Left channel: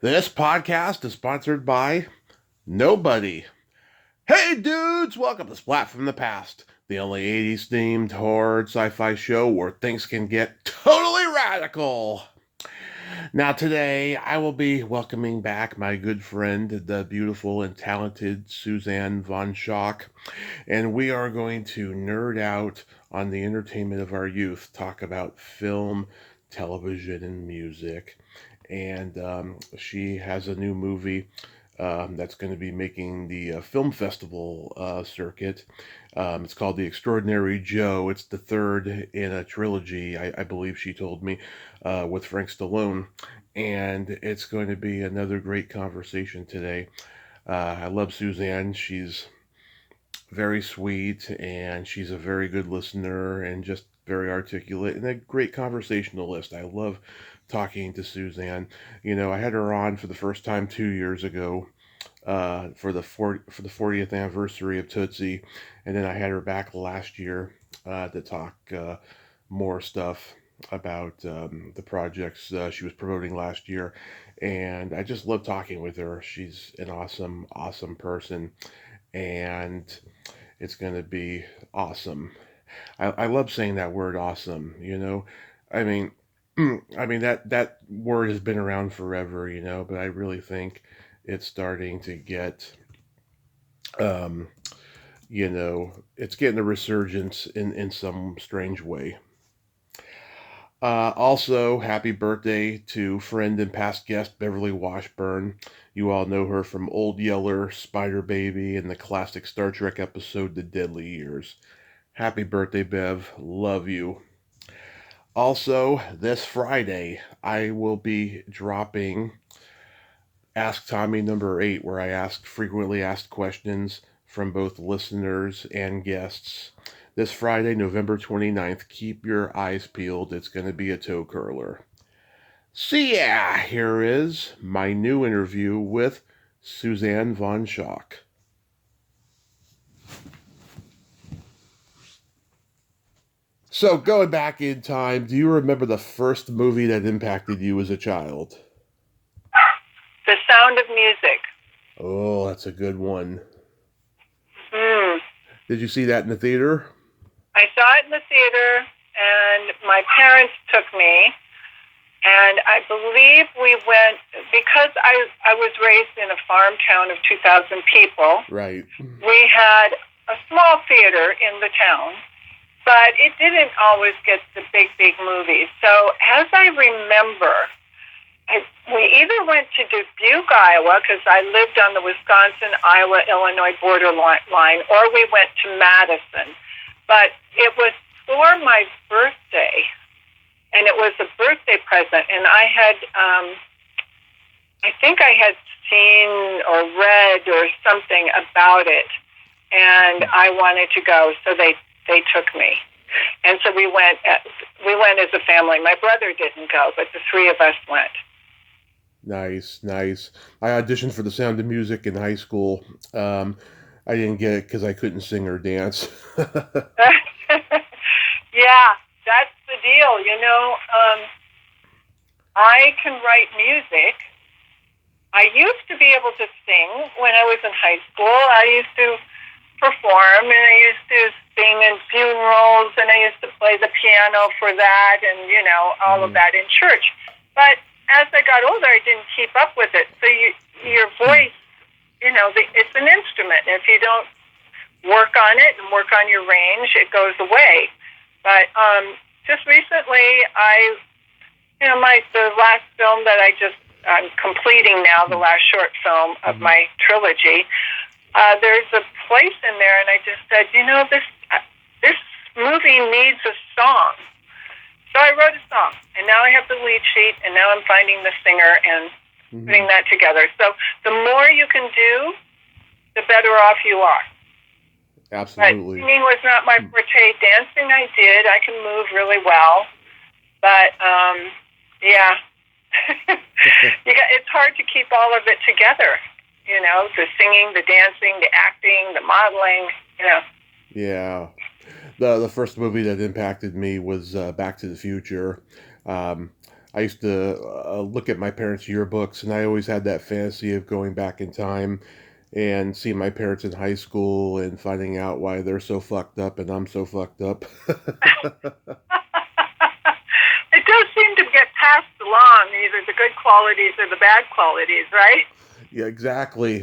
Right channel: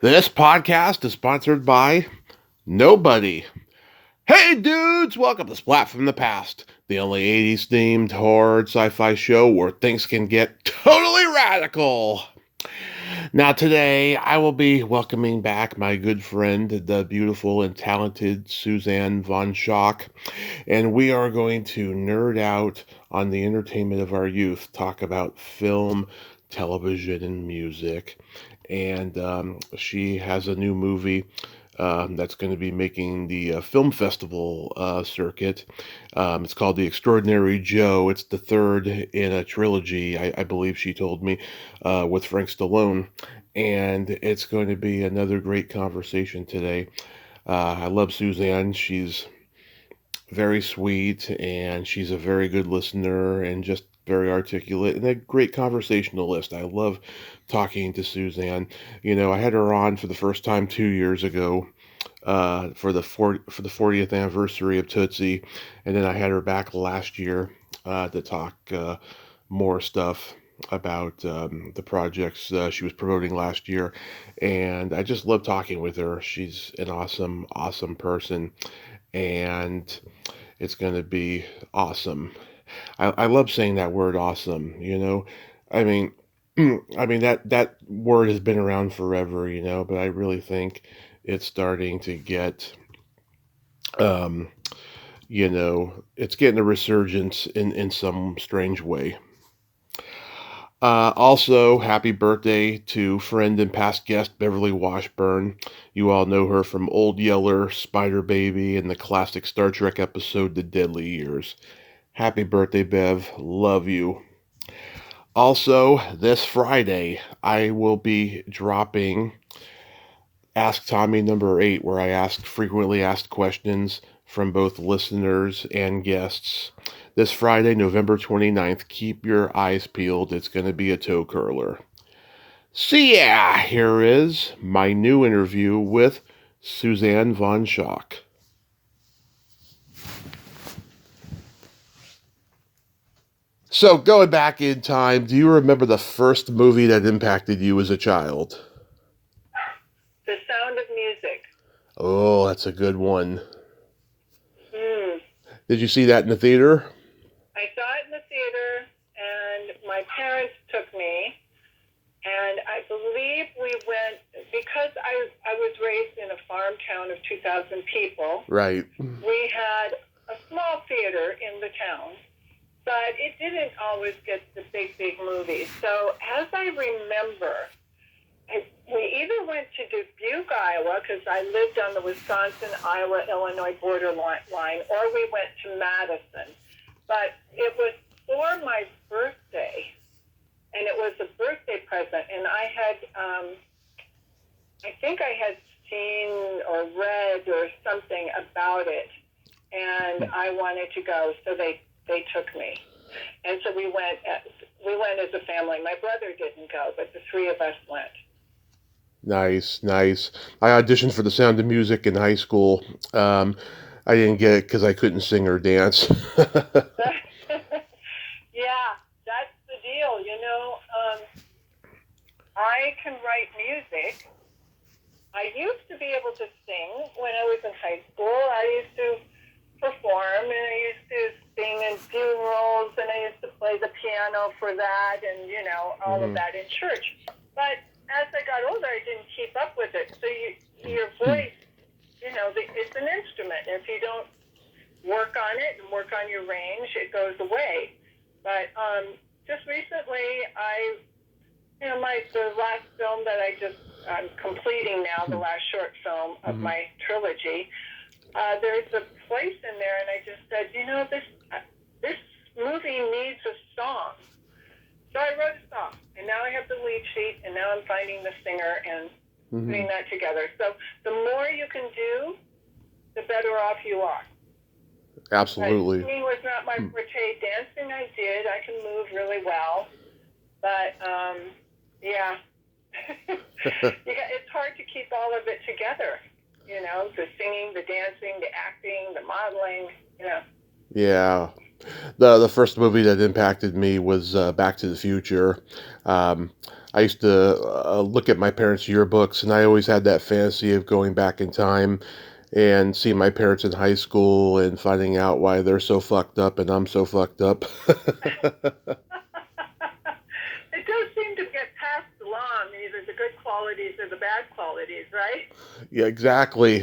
This podcast is sponsored by nobody. Hey dudes, welcome to Splat from the Past, the only 80s themed horror sci-fi show where things can get totally radical. Now today I will be welcoming back my good friend, the beautiful and talented Suzanne von Schaack, and we are going to nerd out on the entertainment of our youth, talk about film, television, and music. And she has a new movie that's going to be making the film festival circuit. It's called The Extraordinary Joe. It's the third in a trilogy, I believe she told me, with Frank Stallone. And it's going to be another great conversation today. I love Suzanne. She's very sweet and she's a very good listener and just very articulate and a great conversationalist. I love talking to Suzanne. You know, I had her on for the first time 2 years ago for the 40th anniversary of Tootsie, and then I had her back last year to talk more stuff about the projects she was promoting last year, and I just love talking with her. She's an awesome person, and it's going to be awesome. I love saying that word awesome, you know. I mean, that word has been around forever, you know, but I really think it's starting to get um, it's getting a resurgence in some strange way. Also, happy birthday to friend and past guest Beverly Washburn. You all know her from Old Yeller, Spider Baby, and the classic Star Trek episode The Deadly Years. Happy birthday, Bev. Love you. Also, this Friday, I will be dropping Ask Tommy number 8, where I ask frequently asked questions from both listeners and guests. This Friday, November 29th, keep your eyes peeled. It's going to be a toe curler. So yeah, here is my new interview with Suzanne von Schaack. So going back in time, do you remember the first movie that impacted you as a child? The Sound of Music. Oh, that's a good one. Mm. Did you see that in the theater? I saw it in the theater, and my parents took me, and I believe we went, because I was raised in a farm town of 2,000 people. Right. We had a small theater in the town, but it didn't always get the big movies. So as I remember, we either went to Dubuque, Iowa, because I lived on the Wisconsin, Iowa, Illinois border line, or we went to Madison. But it was for my birthday, and it was a birthday present. And I think I had seen or read or something about it, and I wanted to go, so they took me. And so we went as a family. My brother didn't go, but the three of us went. Nice. I auditioned for The Sound of Music in high school. I didn't get it because I couldn't sing or dance. Yeah, that's the deal. You know, I can write music. I used to be able to sing when I was in high school. I used to perform, and I used to sing in funerals, and I used to play the piano for that, and, you know, all of that in church. But as I got older, I didn't keep up with it. So your voice, you know, it's an instrument. If you don't work on it and work on your range, it goes away. But just recently, the last film that I'm completing now, the last short film of my trilogy, there's a place in there, and I just said, you know, this movie needs a song. So I wrote a song, and now I have the lead sheet, and now I'm finding the singer and putting that together. So the more you can do, the better off you are. Absolutely. But singing was not my forte. Dancing I did. I can move really well. But, yeah. It's hard to keep all of it together, you know, the singing, the dancing, the acting, the modeling, you know. Yeah. The first movie that impacted me was Back to the Future. I used to look at my parents' yearbooks, and I always had that fantasy of going back in time and seeing my parents in high school and finding out why they're so fucked up and I'm so fucked up. It does seem to get passed along, either the good qualities or the bad qualities, right? Yeah, exactly.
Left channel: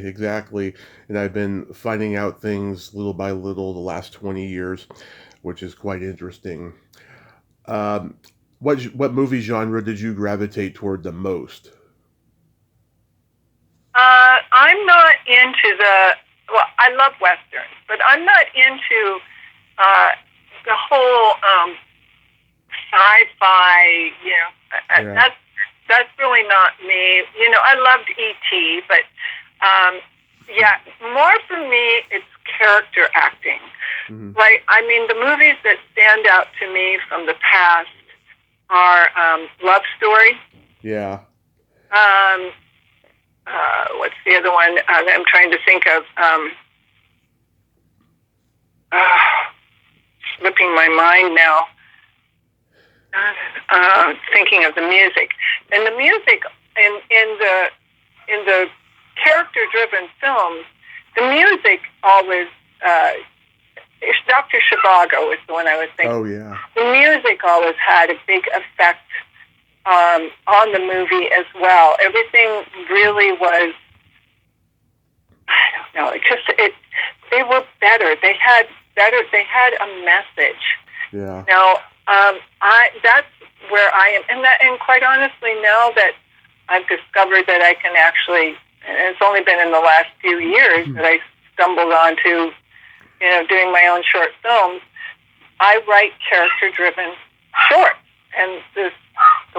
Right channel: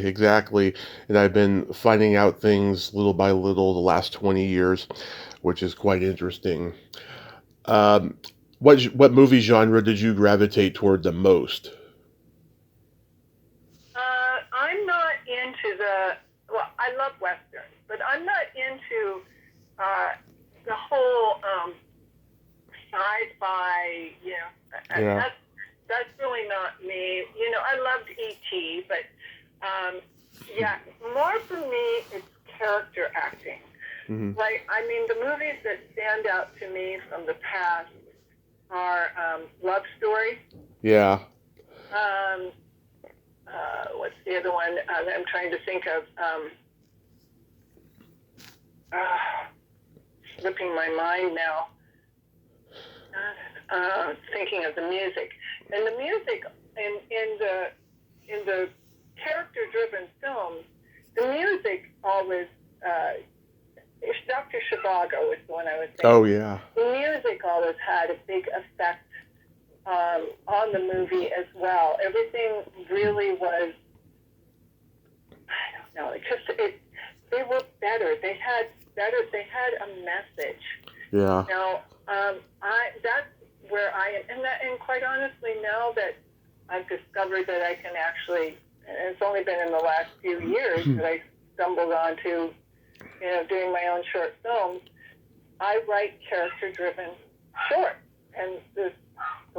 And I've been finding out things little by little the last 20 years, which is quite interesting. Um, what movie genre did you gravitate toward the most? I'm not into well, I love Westerns, but I'm not into uh, the whole sci-fi, Yeah. that's really not me. I loved E.T., but yeah, more for me, it's character acting. Hmm. Like, I mean, the movies that stand out to me from the past are Love Story. Yeah. Um, what's the other one that I'm trying to think of? Slipping my mind now. Thinking of the music, and the music in the character-driven films, the music always. Dr. Zhivago is the one I was thinking. Oh yeah. The music always had a big effect on the movie as well. Everything really was. I don't know. They were better. They had better. They had a message. Yeah. Now, that's where I am, and quite honestly, now that I've discovered that I can actually, and it's only been in the last few years that I stumbled onto, doing my own short films. I write character-driven shorts, and the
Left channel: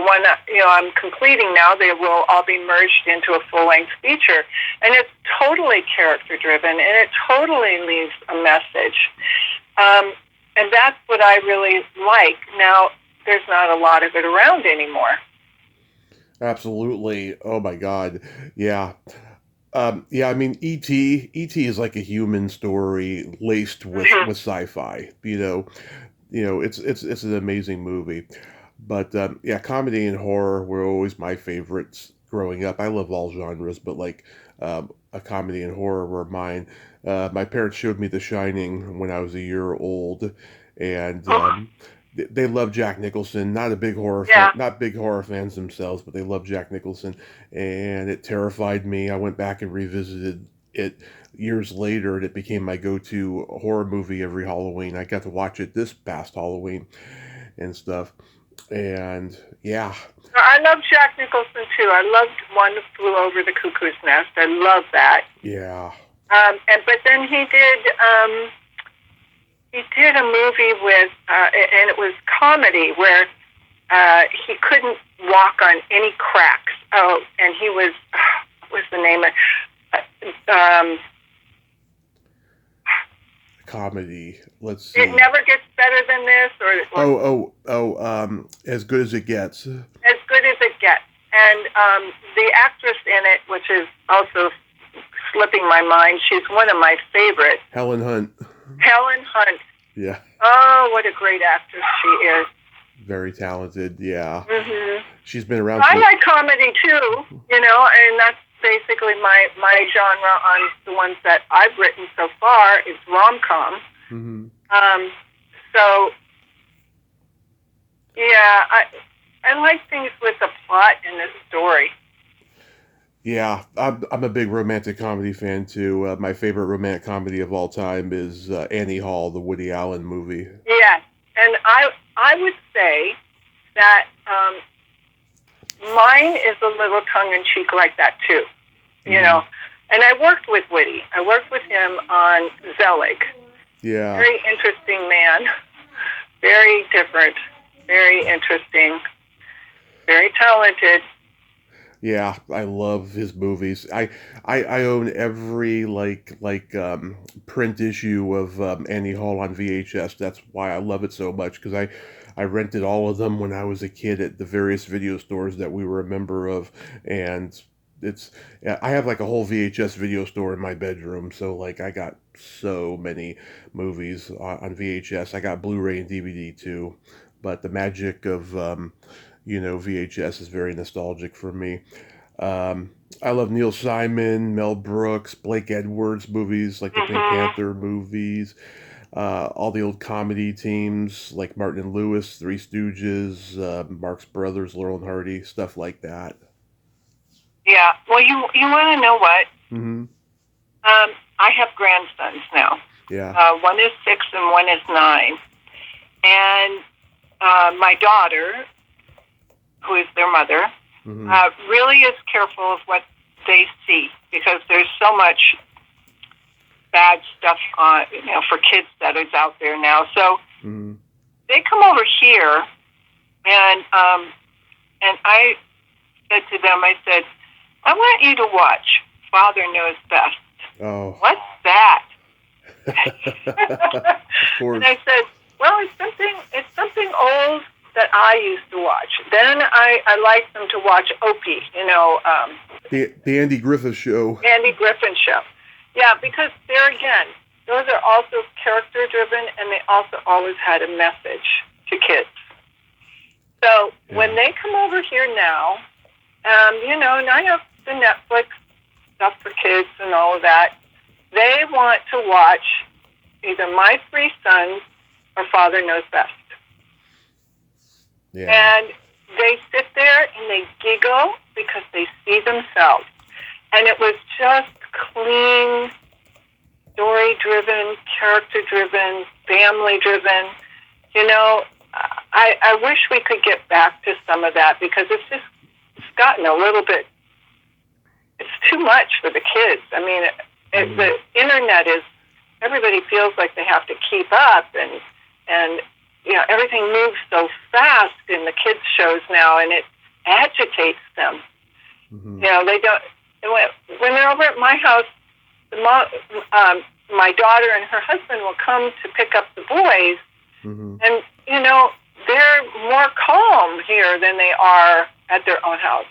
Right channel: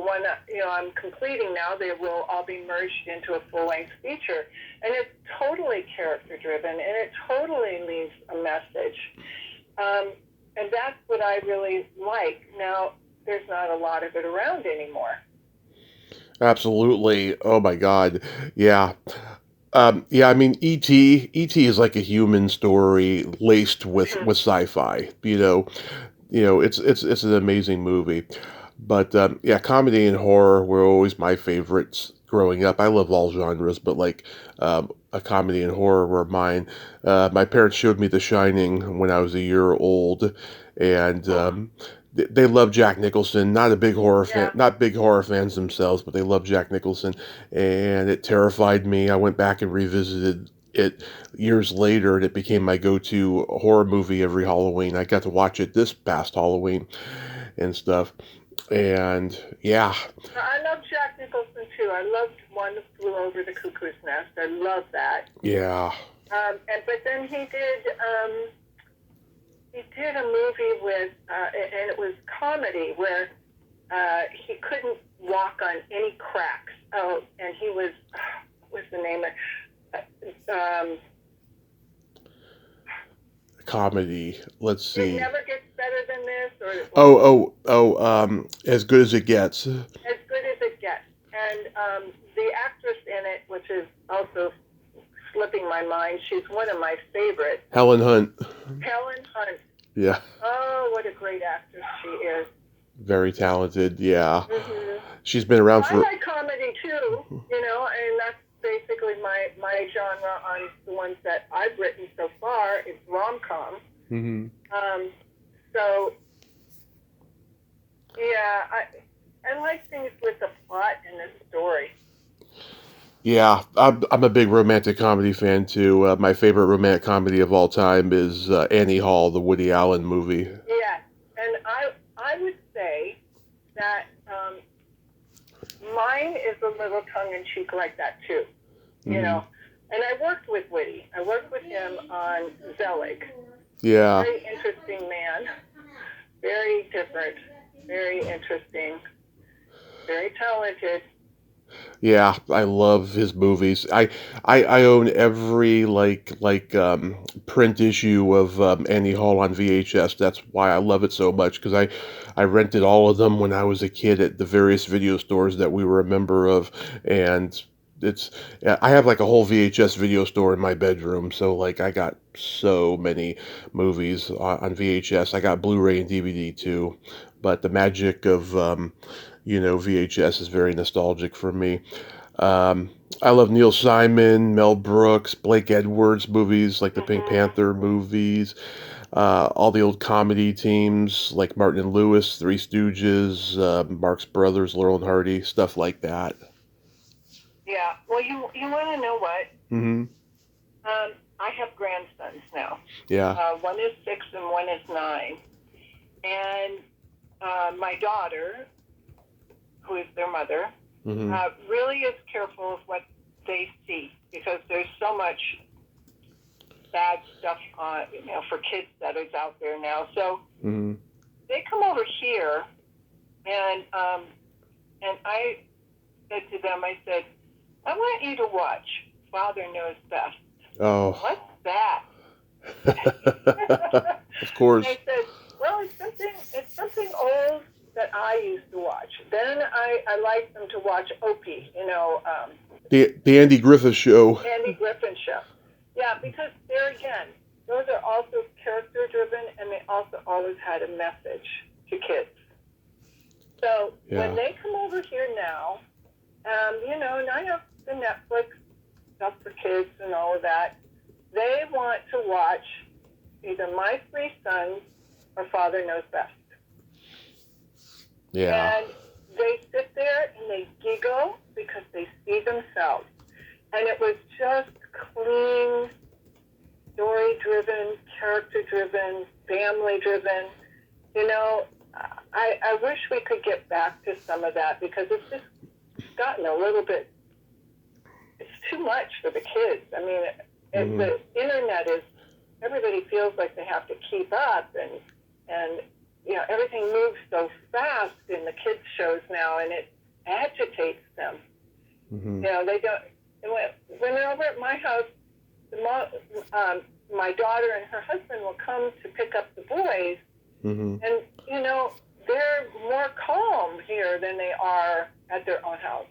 one that I'm completing now, they will all be merged into a full-length feature, and it's totally character-driven, and it totally leaves a message. And that's what I really like. Now, there's not a lot of it around anymore. Absolutely. Oh my God. Yeah. Yeah, I mean, E.T. is like a human story laced with sci-fi. It's an amazing movie. But yeah, comedy and horror were always my favorites growing up. I love all genres, but like a comedy and horror were mine. My parents showed me The Shining when I was a year old, and they love Jack Nicholson. Not a big horror fan, Yeah. not big horror fans themselves, but they love Jack Nicholson, and it terrified me. I went back and revisited it years later, and it became my go-to horror movie every Halloween. I got to watch it this past Halloween and stuff. And yeah, I love Jack Nicholson too. I loved One Flew Over the Cuckoo's Nest. I love that. yeah, But then he did a movie with, and it was comedy where he couldn't walk on any cracks. Oh, and he was, what was the name of? comedy. Let's see. It Never Gets Better Than This, or As Good as It Gets. As Good as It Gets. And the actress in it, which is also slipping my mind, she's one of my favorites. Helen Hunt. Helen Hunt. Yeah. Oh, what a great actress she is. Very talented. Yeah. Mm-hmm. She's been around for. I like comedy too, and that's basically my genre on the ones that I've written so far is rom-com. Mm-hmm. So, yeah, I like things with a plot and a story. Yeah, I'm a big romantic comedy fan too. My favorite romantic comedy of all time is Annie Hall, the Woody Allen movie. Yes, and I would say that mine is a little tongue-in-cheek like that too, you know. And I worked with Woody. I worked with him on Zelig. Yeah. Very interesting man. Very different. Very interesting. Very talented. Yeah, I love his movies. I own every print issue of Annie Hall on VHS. That's why I love it so much, because I rented all of them when I was a kid at the various video stores that we were a member of, and I have like a whole VHS video store in my bedroom, so like I got so many movies on VHS. I got Blu-ray and DVD too, but the magic of VHS is very nostalgic for me. I love Neil Simon, Mel Brooks, Blake Edwards movies, like the Pink Mm-hmm. Panther movies, all the old comedy teams like Martin and Lewis, Three Stooges, Marx Brothers, Laurel and Hardy, stuff like that. Yeah. Well, you want to know what? Mm-hmm. I have grandsons now. Yeah. One is 6 and one is 9. And my daughter, who is their mother, Mm-hmm. really is careful of what they see because there's so much bad stuff on, for kids that is out there now. So Mm-hmm. they come over here, and I said to them, I said, I want you to watch Father Knows Best. Oh. What's that? Of course. And I said, well, it's something old that I used to watch. Then I like them to watch Opie, The Andy Griffith Show. Andy Griffin Show. Yeah, because there again, those are also character driven, and they also always had a message to kids. So when they come over here now, and I have the Netflix stuff for kids and all of that, they want to watch either My Three Sons or Father Knows Best. Yeah. And they sit there and they giggle because they see themselves. And it was just clean, story-driven, character-driven, family-driven. I wish we could get back to some of that because it's gotten a little bit, it's too much for the kids. I mean, the internet is, everybody feels like they have to keep up and everything moves so fast in the kids' shows now, and it agitates them. Mm-hmm. They don't, when they're over at my house, my daughter and her husband will come to pick up the boys, Mm-hmm. and, they're more calm here than they are at their own house.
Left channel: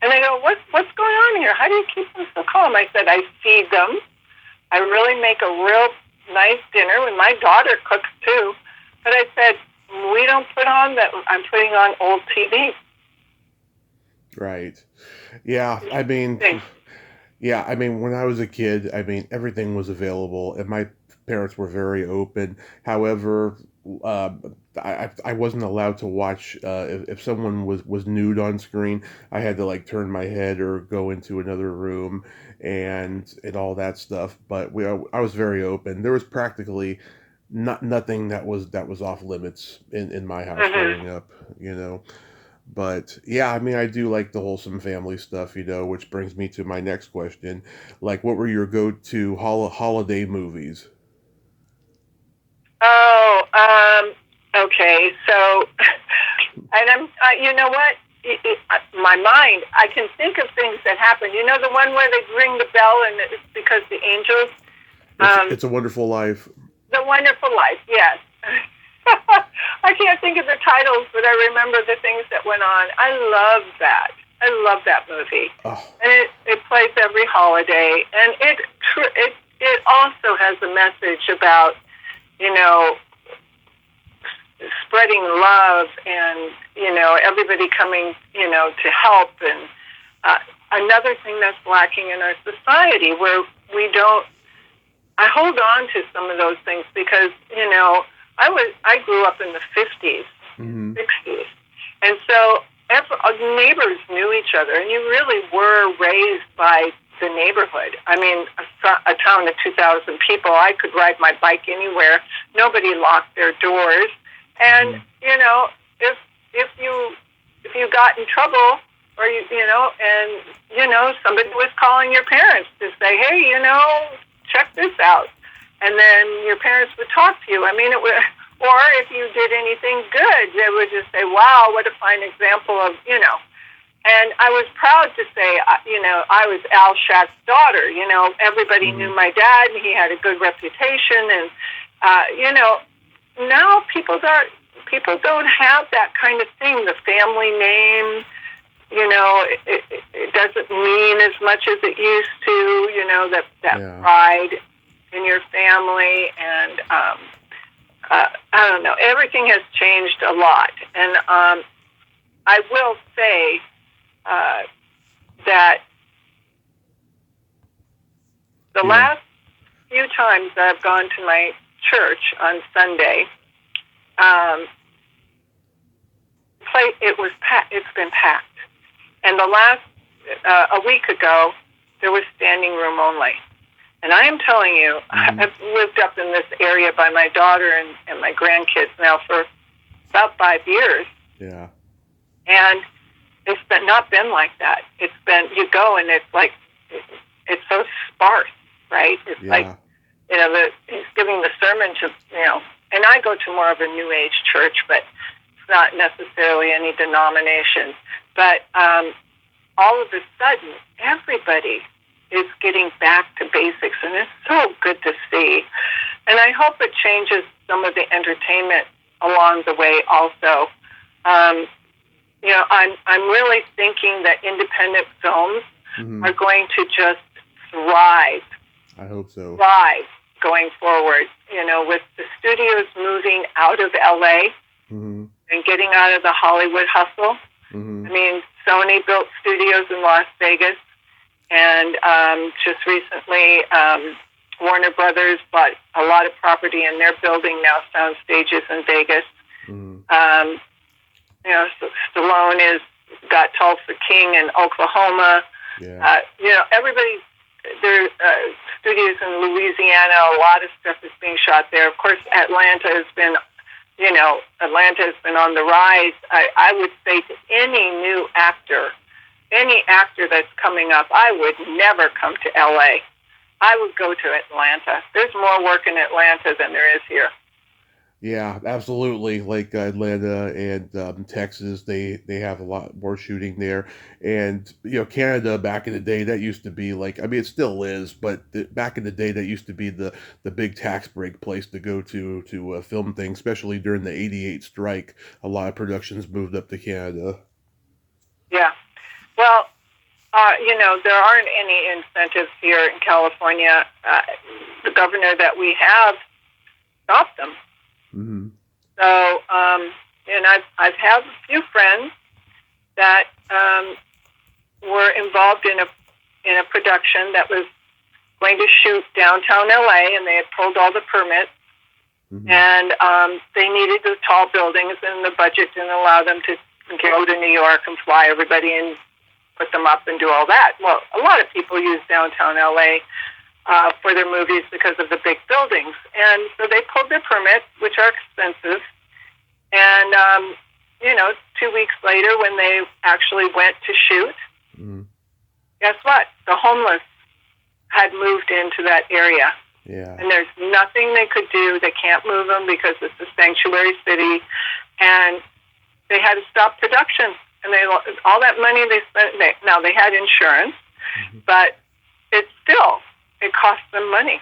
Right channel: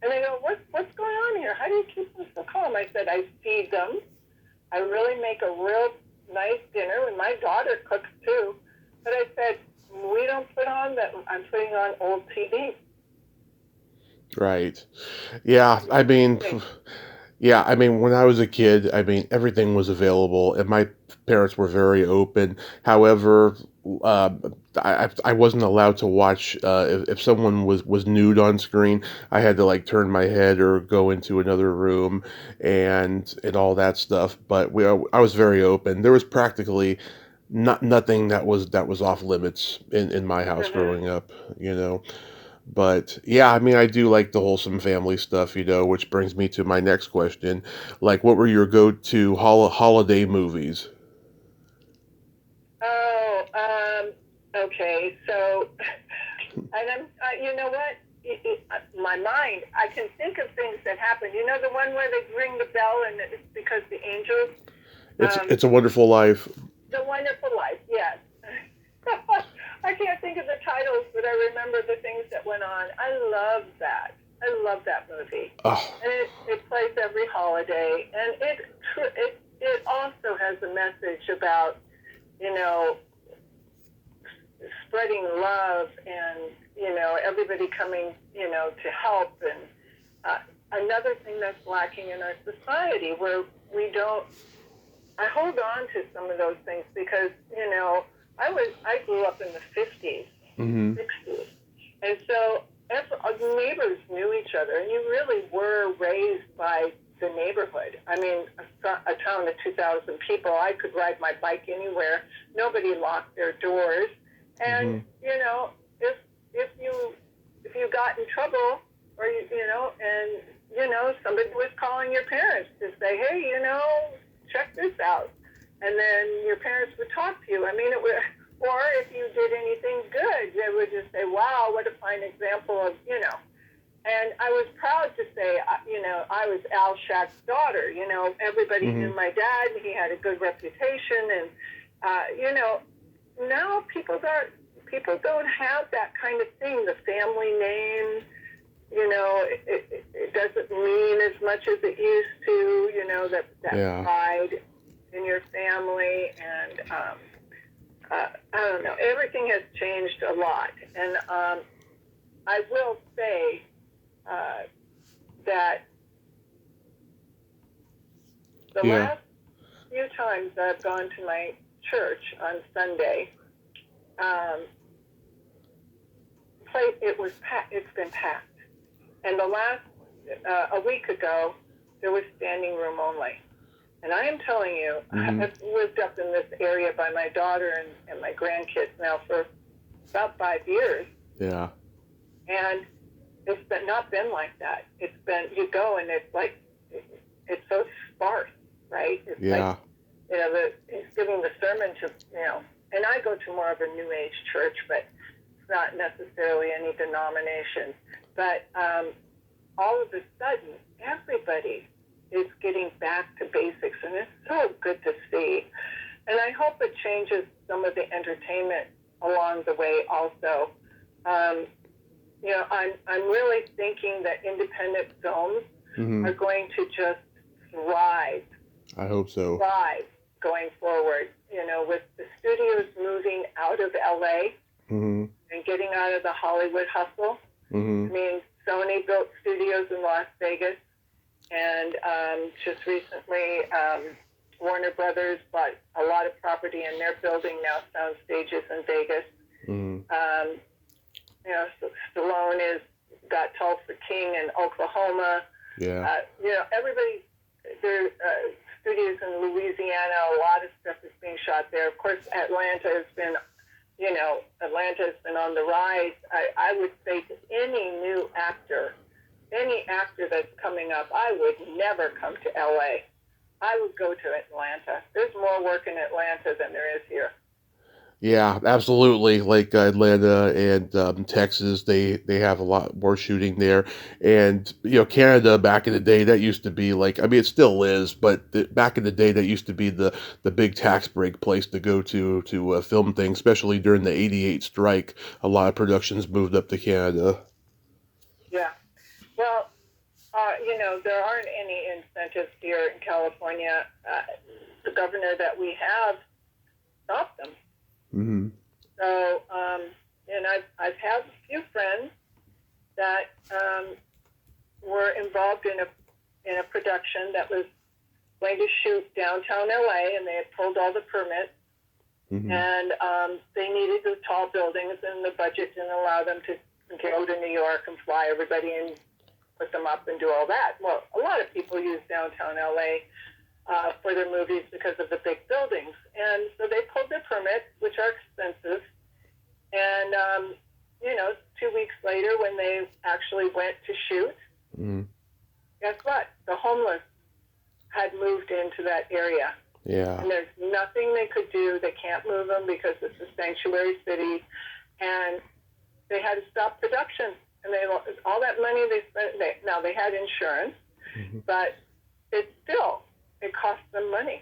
And they go, what's going on here? How do you keep them so calm? I said, I feed them. I really make a real nice dinner, and my daughter cooks too. But I said, we don't put on that. I'm putting on old TV. Right. Yeah. I mean, when I was a kid, everything was available, and my parents were very open. However, I wasn't allowed to watch if someone was nude on screen. I had to turn my head or go into another room and all that stuff. But I was very open. There was practically nothing that was off limits in my house growing up. But yeah, I do like the wholesome family stuff, which brings me to my next question. What were your go-to holiday movies? Oh, okay. So, and you know what? My mind, I can think of things that happen. The one where they ring the bell and it's because the angels. It's a Wonderful Life. The Wonderful Life, yes. I can't think of the titles, but I remember the things that went on. I love that. I love that movie. Oh. And it plays every holiday, and it also has a message about spreading love and everybody coming to help. And another thing that's lacking in our society where I hold on to some of those things because I grew up in the 50s, 60s, and so neighbors knew each other, and you really were raised by the neighborhood. I mean, a town of 2,000 people, I could ride my bike anywhere. Nobody locked their doors, and if you got in trouble, or somebody was calling your parents to say, hey, check this out. And then your parents would talk to you. I mean, or if you did anything good, they would just say, wow, what a fine example of, And I was proud to say, I was Al Schack's daughter. Everybody knew my dad, and he had a good reputation. And, now people don't have that kind of thing. The family name, it doesn't mean as much as it used to, that pride in your family, and I don't know. Everything has changed a lot, and I will say that the last few times that I've gone to my church on Sunday, it's been packed. And the last, a week ago, there was standing room only. And I am telling you, I've lived up in this area by my daughter and my grandkids now for about 5 years. Yeah. And it's not been like that. It's been, you go and it's like, it's so sparse, right? It's like, he's giving the sermon to, and I go to more of a New Age church, but it's not necessarily any denomination. But all of a sudden, everybody is getting back to basics, and it's so good to see. And I hope it changes some of the entertainment along the way also. I'm really thinking that independent films are going to just thrive. I hope so. Thrive going forward, with the studios moving out of LA and getting out of the Hollywood hustle. I mean, Sony built studios in Las Vegas, and just recently Warner Brothers bought a lot of property, and they're building now sound stages in Vegas. Stallone has got Tulsa King in Oklahoma. Yeah. Everybody, there are studios in Louisiana. A lot of stuff is being shot there. Of course, Atlanta has been on the rise. I would say to any new actor, any actor that's coming up, I would never come to LA. I would go to Atlanta. There's more work in Atlanta than there is here. Yeah, absolutely. Like Atlanta and Texas, they have a lot more shooting there. And, Canada back in the day, that used to be like, I mean, it still is, but back in the day, that used to be the big tax break place to go to film things, especially during the 88 strike. A lot of productions moved up to Canada. Yeah. Well, there aren't any incentives here in California. The governor that we have stopped them. So, and I've had a few friends that were involved in a production that was going to shoot downtown LA, and they had pulled all the permits, and they needed the tall buildings, and the budget didn't allow them to go to New York and fly everybody and put them up and do all that. Well, a lot of people use downtown LA for their movies because of the big buildings. And so they pulled their permits, which are expensive. And, 2 weeks later, when they actually went to shoot, guess what? The homeless had moved into that area. Yeah. And there's nothing they could do. They can't move them because it's a sanctuary city. And they had to stop production. And all that money they spent, now they had insurance, but it cost them money.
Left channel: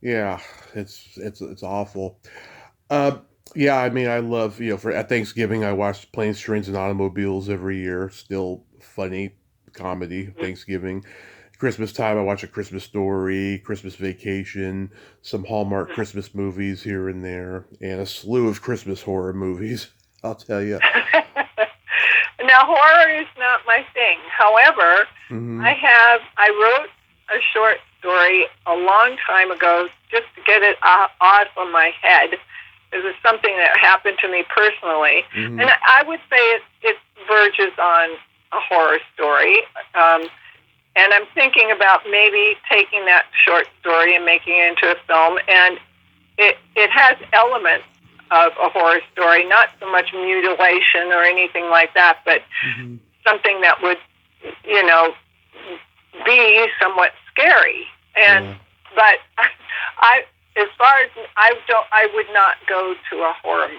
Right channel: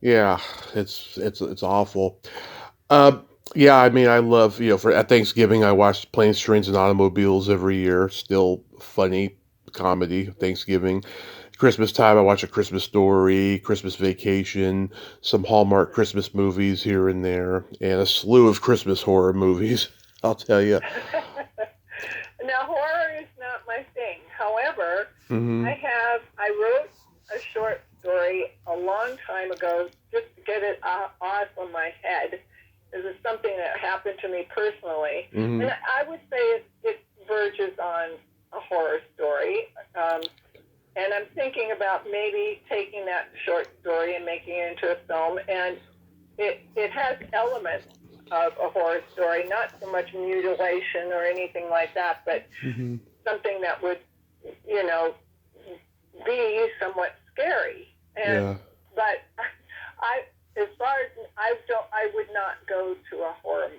Yeah, it's awful. Yeah, I mean, I love, at Thanksgiving, I watch Planes, Trains, and Automobiles every year. Still funny comedy, Thanksgiving. Christmas time, I watch A Christmas Story, Christmas Vacation, some Hallmark Christmas movies here and there, and a slew of Christmas horror movies, I'll tell you. Now, horror is not my thing. However, I wrote a short story a long time ago just to get it off of my head. This is something that happened to me personally. And I would say it verges on a horror story. And I'm thinking about maybe taking that short story and making it into a film. And it has elements of a horror story, not so much mutilation or anything like that, but something that would, be somewhat scary. And but as far as I would not go to a horror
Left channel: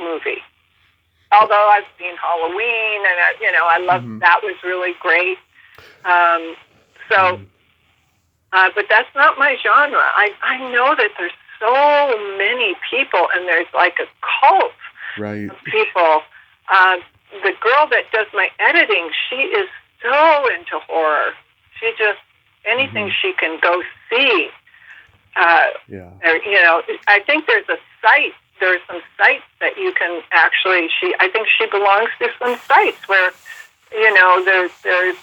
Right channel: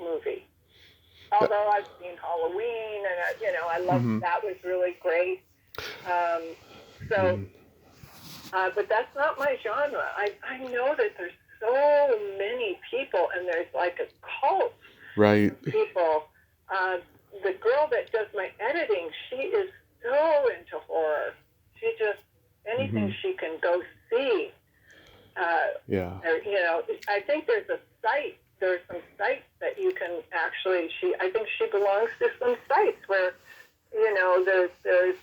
movie. Although I've seen Halloween, and I love that was really great. But that's not my genre. I know that there's so many people, and there's like a cult of people. The girl that does my editing, she is so into horror. She just, anything she can go see. I think there's a site there are some sites that you can actually. I think she belongs to some sites where, there's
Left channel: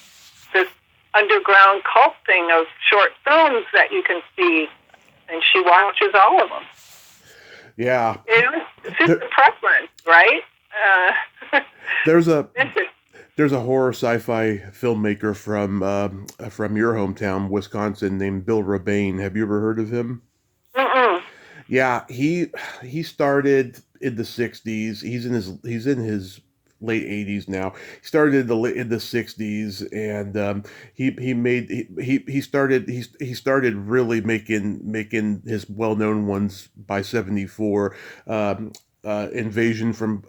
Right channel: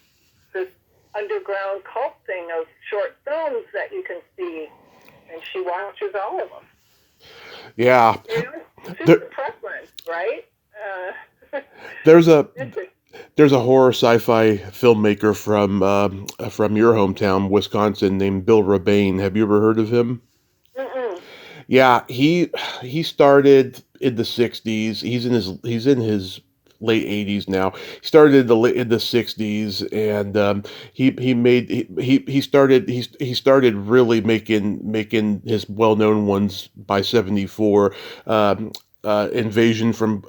this underground cult thing of short films that you can see, and she watches all of them. Yeah. It's just a preference, right? There's a horror sci-fi filmmaker from your hometown, Wisconsin, named Bill Rebane. Have you ever heard of him? Mm-mm. Yeah, he started in the '60s. He's in his late '80s now. He started in the '60s, and he started really making his well-known ones by '74. Invasion from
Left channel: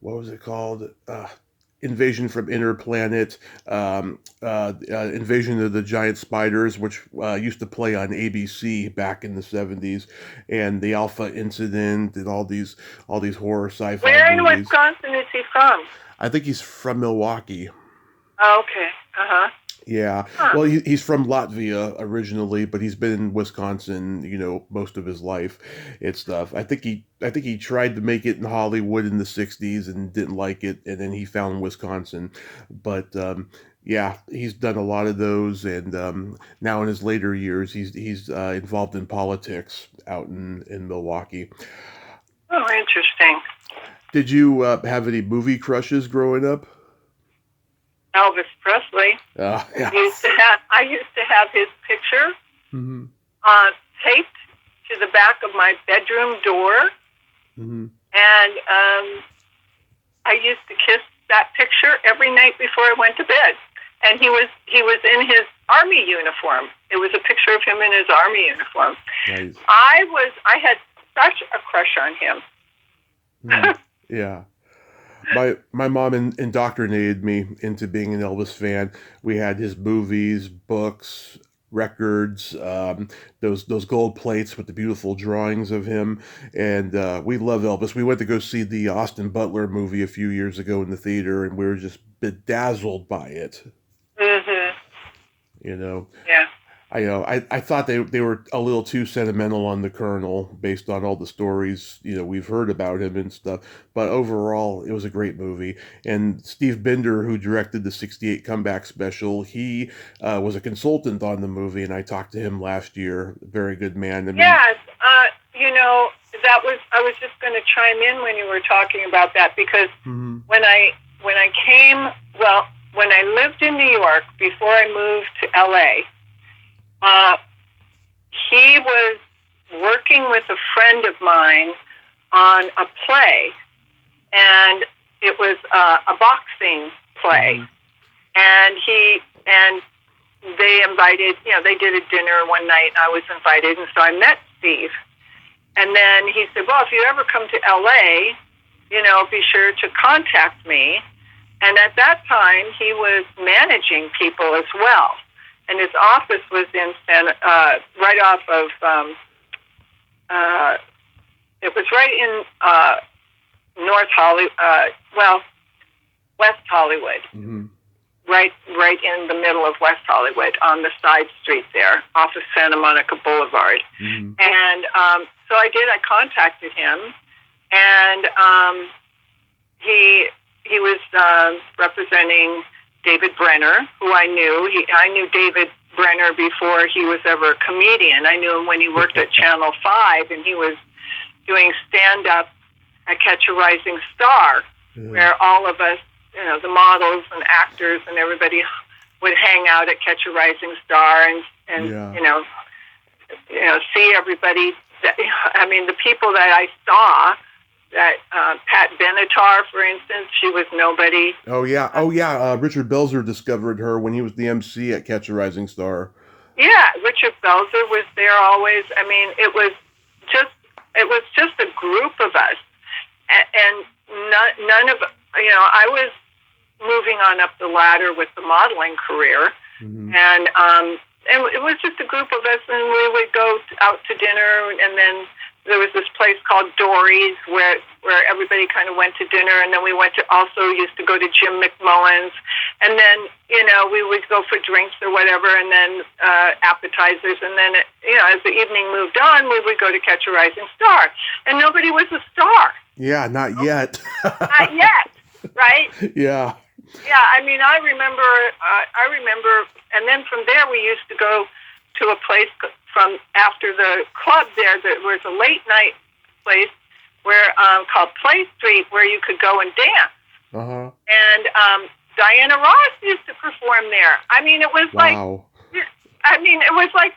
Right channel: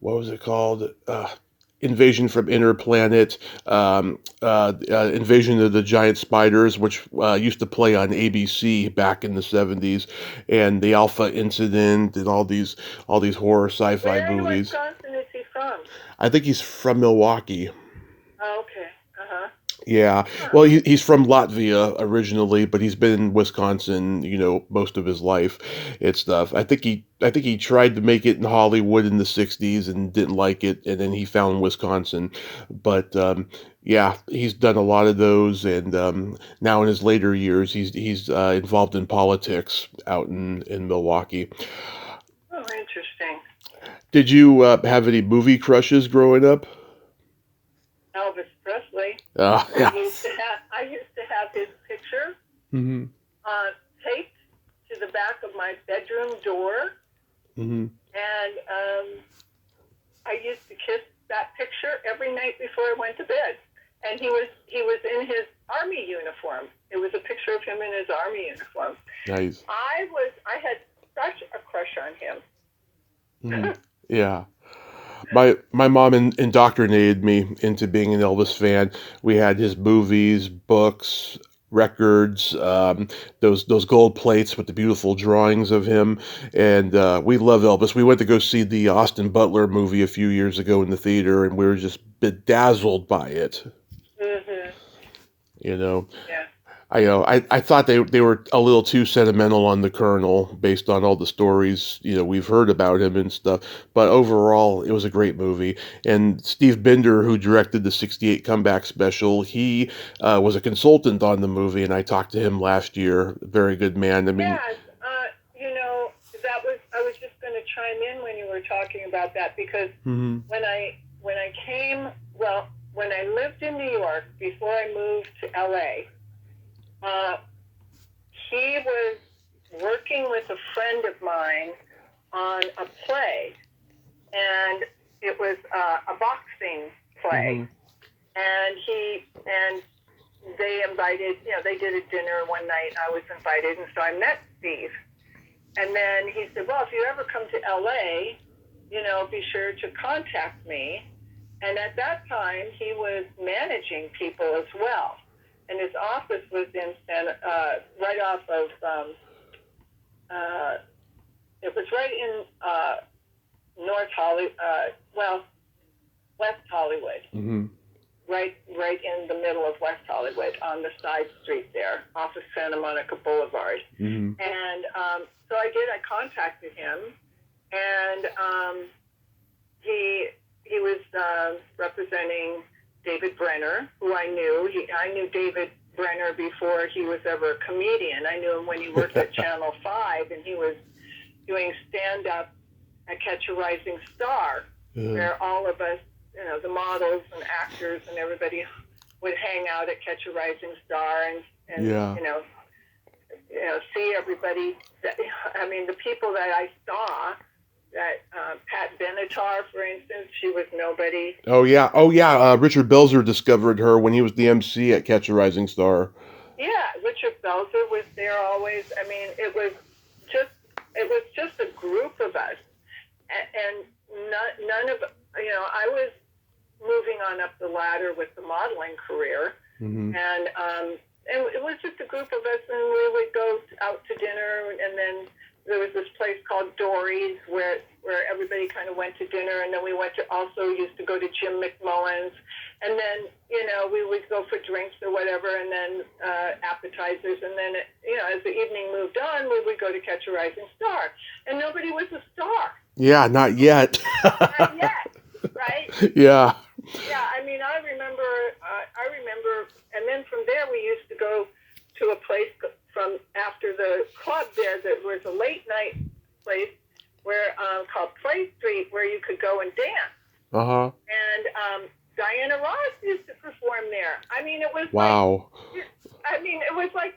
what was it called? Invasion from Inner Planet, Invasion of the Giant Spiders, which used to play on ABC back in the '70s, and the Alpha Incident, and all these horror sci-fi Where in movies. Wisconsin is he from? I think he's from Milwaukee. Oh, okay. Uh-huh. Yeah. Huh. Well, he's from Latvia originally, but he's been in Wisconsin, most of his life and stuff. I think he tried to make it in Hollywood in the '60s and didn't like it, and then he found Wisconsin. But yeah, he's done a lot of those, and now in his later years, he's involved in politics out in Milwaukee. Oh, interesting. Did you have any movie crushes growing up? Elvis Presley. Yeah. I used to have his picture Mm-hmm. taped to the back of my bedroom door, Mm-hmm. and I used to kiss that picture every night before I went to bed. And he was in his army uniform. It was a picture of him in his army uniform. Nice. I had such a crush on him. Mm. Yeah. My mom indoctrinated me into being an Elvis fan. We had his movies, books, records, those gold plates with the beautiful drawings of him, and we love Elvis. We went to go see the Austin Butler movie a few years ago in the theater, and we were just bedazzled by it. Mm-hmm. Yeah. Yeah. I thought they were a little too sentimental on the Colonel based on all the stories, we've heard about him and stuff. But overall, it was a great movie. And Steve Binder, who directed the '68 comeback special, he was a consultant on the movie, and I talked to him last year. Very good man. I mean, Yes. I was just going to chime in when you were talking about that, because mm-hmm. when I lived in New York before I moved to LA, he was working with a friend of mine on a play, and it was a boxing play. Mm-hmm. And they invited, they did a dinner one night, and I was invited, and so I met Steve. And then he said, well, if you ever come to LA, be sure to contact me. And at that time, he was managing people as well. And his office was in right off of, it was right in North Hollywood, West Hollywood. Mm-hmm. Right in the middle of West Hollywood, on the side street there, off of Santa Monica Boulevard. Mm-hmm. And so I did. I contacted him, and he was representing David Brenner, who I knew. I knew David Brenner before he was ever a comedian. I knew him when he worked at Channel 5, and he was doing stand-up at Catch a Rising Star, where all of us, the models and actors and everybody would hang out at Catch a Rising Star and Yeah. See everybody. The people that I saw, that Pat Benatar, for instance, she was nobody. Oh yeah. Richard Belzer discovered her when he was the MC at Catch a Rising Star. Yeah, Richard Belzer was there always. It was just a group of us, and none of I was moving on up the ladder with the modeling career, mm-hmm. and it was just a group of us, and we would go out to dinner, and then there was this place called Dory's where everybody kind of went to dinner, and then we used to go to Jim McMullen's, And then, we would go for drinks or whatever, and then appetizers. And then, as the evening moved on, we would go to Catch a Rising Star. And nobody was a star. Yeah, not yet. Not yet, right? Yeah. Yeah, I mean, I remember, and then from there we used to go to a place from after the club there that was a late night place where called Play Street, where you could go and dance. Uh-huh. And Diana Ross used to perform there. I mean, it was wow. it was like,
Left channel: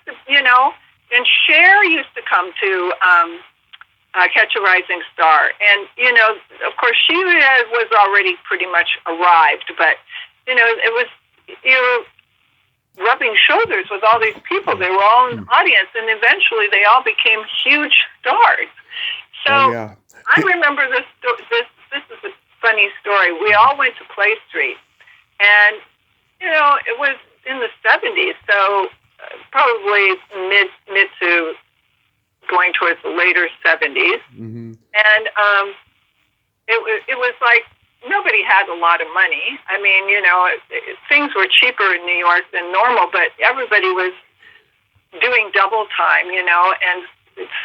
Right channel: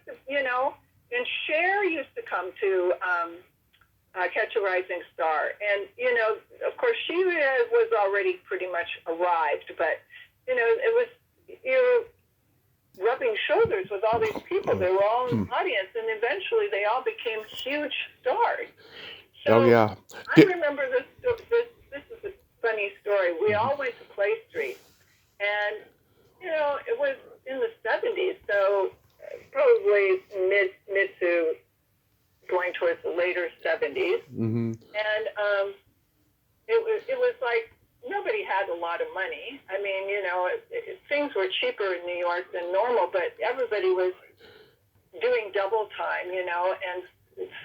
and Cher used to come to Catch a Rising Star. And, of course, she was already pretty much arrived, but, it was, rubbing shoulders with all these people. They were all in the audience, and eventually they all became huge stars. So I remember this is a funny story. We all went to Play Street, and, it was in the 70s, so probably mid to going towards the later 70s. Mm-hmm. And it was like nobody had a lot of money. I mean, things were cheaper in New York than normal, but everybody was doing double time, and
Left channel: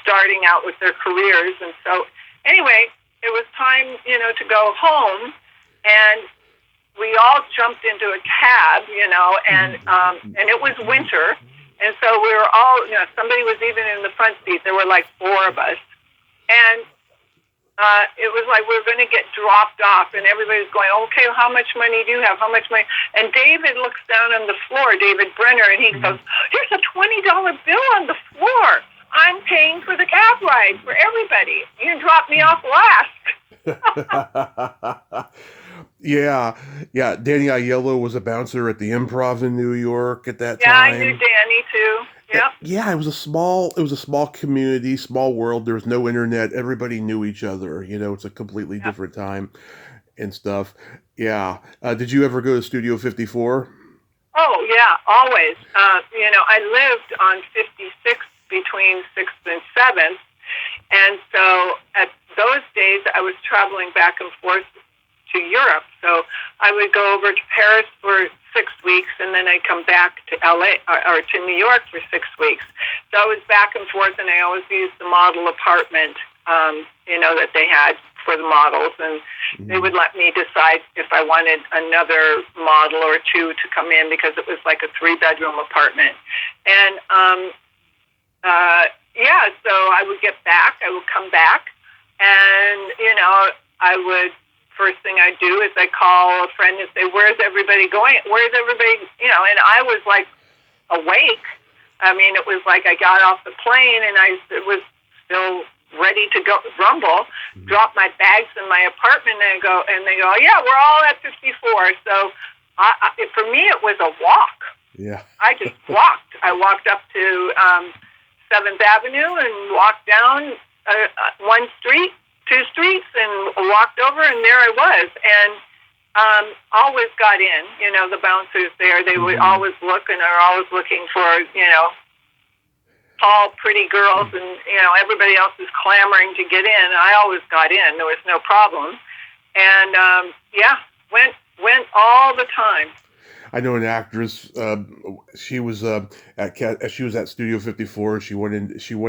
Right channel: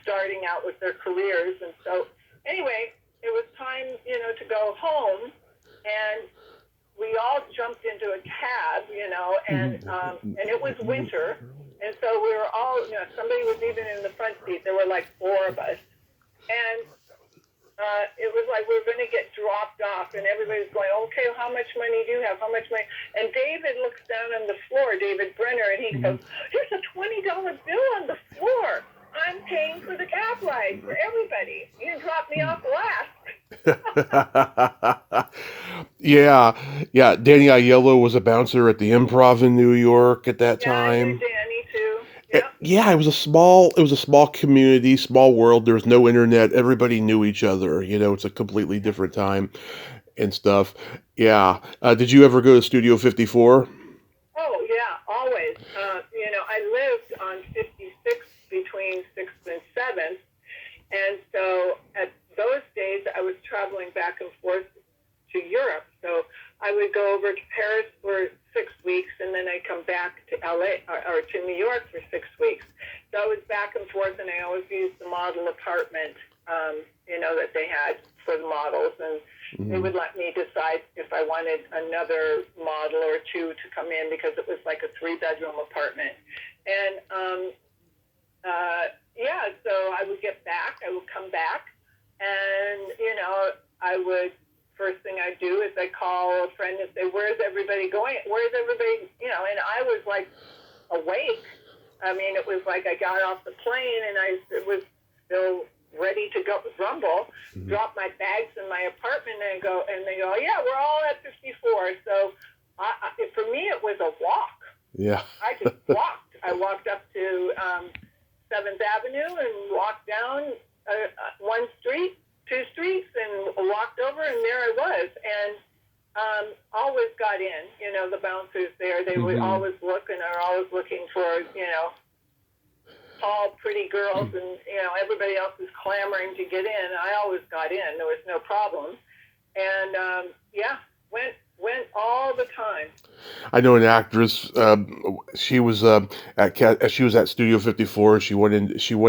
starting out with their careers. And so anyway, it was time, to go home, and we all jumped into a cab, and it was winter. And so we were all, somebody was even in the front seat. There were like 4 of us. And it was like we were going to get dropped off, and everybody's going, okay, how much money do you have? How much money? And David looks down on the floor, David Brenner, and he goes, there's a $20 bill on the floor. I'm paying for the cab ride for everybody. You dropped me off last. Yeah. Danny Aiello was a bouncer at the Improv in New York at that time. Yeah, I knew Danny too. Yep. Yeah, it was a small community, small world. There was no internet. Everybody knew each other. It's a completely different time and stuff. Yeah. Did you ever go to Studio 54? Oh, yeah, always. I lived on 56th between 6th and 7th. And so at those days, I was traveling back and forth to Europe. So I would go over to Paris for 6 weeks, and then I'd come back to LA or to New York for 6 weeks. So I was back and forth, and I always used the model apartment, that they had for the models, and they would let me decide if I wanted another model or 2 to come in, because it was like a 3-bedroom apartment. And so I would get back, I would come back, and I would. First thing I do is I call a friend and say, where's everybody going? Where's everybody, and I was like awake. I mean, it was like I got off the plane and I was still ready to go rumble, drop my bags in my apartment and they go, yeah, we're all at 54. So for me, it was a walk. Yeah. I just walked. I walked up to 7th Avenue and walked down 1 street, 2 streets, and walked over, and there I was. And always got in. The bouncers there, they would always look, and are always looking for, tall, pretty girls, and, everybody else is clamoring to get in. I always got in. There was no problem. And, went all the time. I know an actress. She was at Studio 54. She went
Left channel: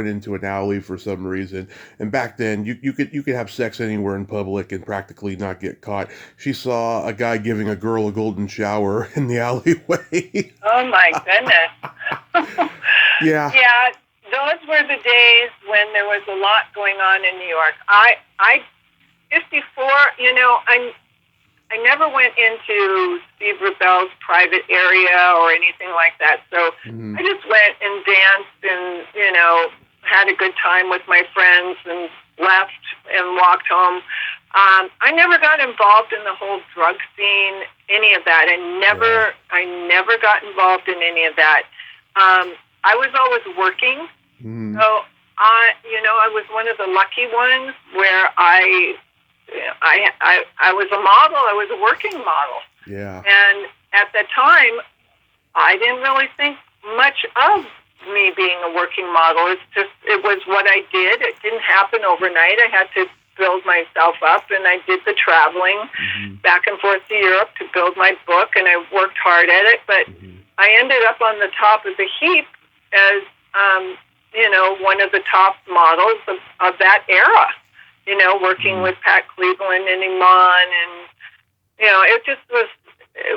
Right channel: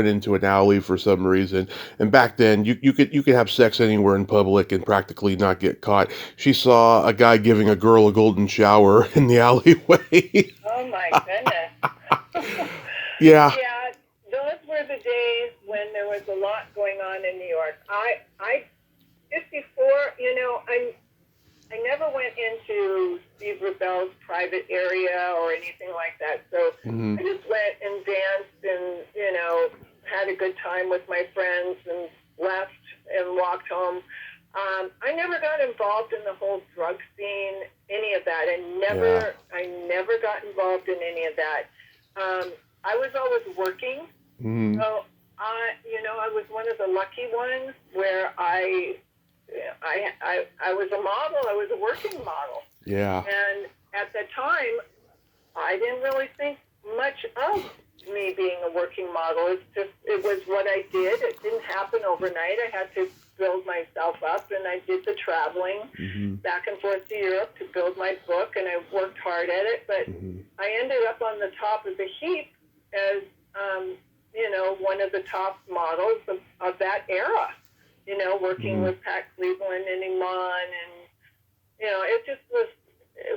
into an alley for some reason. And back then, you could have sex anywhere in public and practically not get caught. She saw a guy giving a girl a golden shower in the alleyway. Oh my goodness. Yeah. Yeah. Those were the days when there was a lot going on in New York. I 54. I never went into Steve Rebell's private area or anything like that. So I just went and danced and, had a good time with my friends and left and walked home. I never got involved in the whole drug scene, any of that. I never got involved in any of that. I was always working. So I was one of the lucky ones where I was a model. I was a working model. Yeah. And at that time, I didn't really think much of me being a working model. It was what I did. It didn't happen overnight. I had to build myself up, and I did the traveling back and forth to Europe to build my book, and I worked hard at it, but I ended up on the top of the heap as, one of the top models of that era, working with Pat Cleveland and Iman, and, it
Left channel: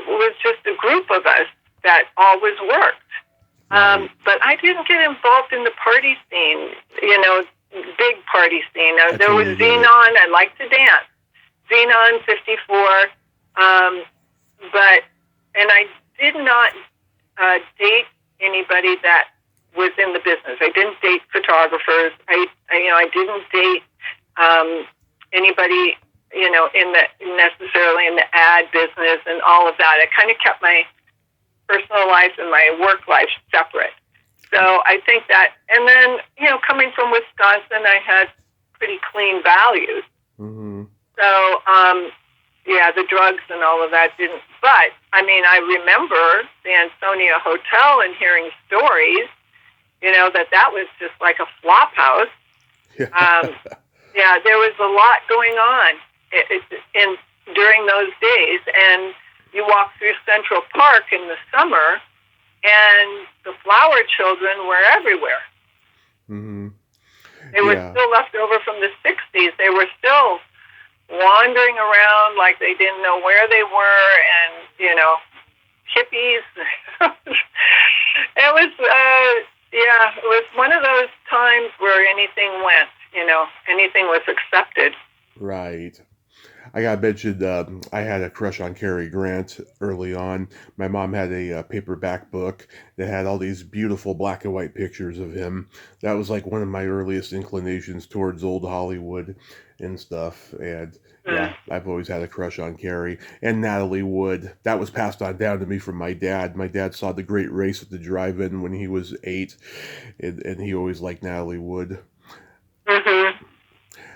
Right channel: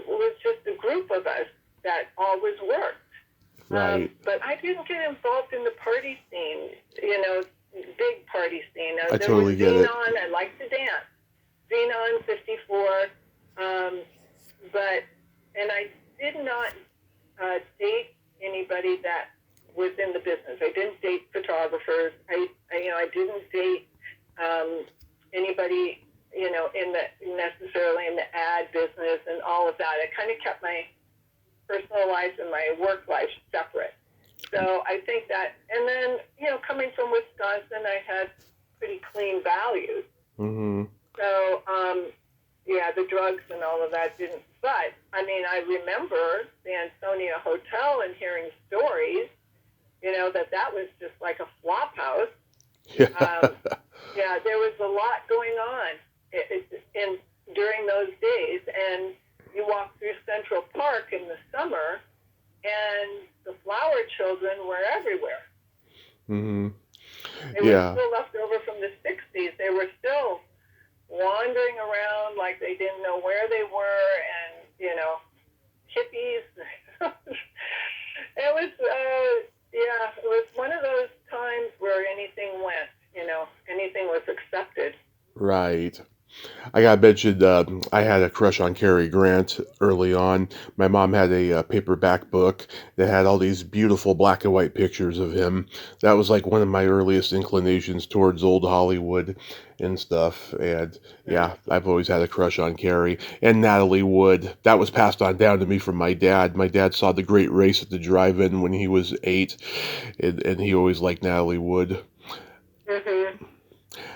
was just a group of us that always worked. Right. But I didn't get involved in the party scene, big party scene. There totally was Xenon. I liked to dance. Xenon 54. And I did not date anybody that was in the business. I didn't date photographers. I didn't date anybody, necessarily in the ad business and all of that. I kind of kept my personal life and my work life separate. So I think that, and then, coming from Wisconsin, I had pretty clean values. So, the drugs and all of that didn't, but, I remember the Ansonia Hotel and hearing stories, that was just like a flop house. There was a lot going on during those days, and you walk through Central Park in the summer, and the flower children were everywhere. They were still left over from the 60s. They were still wandering around like they didn't know where they were, and, hippies. It was one of those times where anything went, anything was accepted. Right. I got mentioned, I had a crush on Cary Grant early on. My mom had a paperback book that had all these beautiful black and white pictures of him. That was like one of my earliest inclinations towards old Hollywood and stuff. And I've always had a crush on Cary. And Natalie Wood. That was passed on down to me from my dad. My dad saw The Great Race at the drive-in when he was 8, and he always liked Natalie Wood.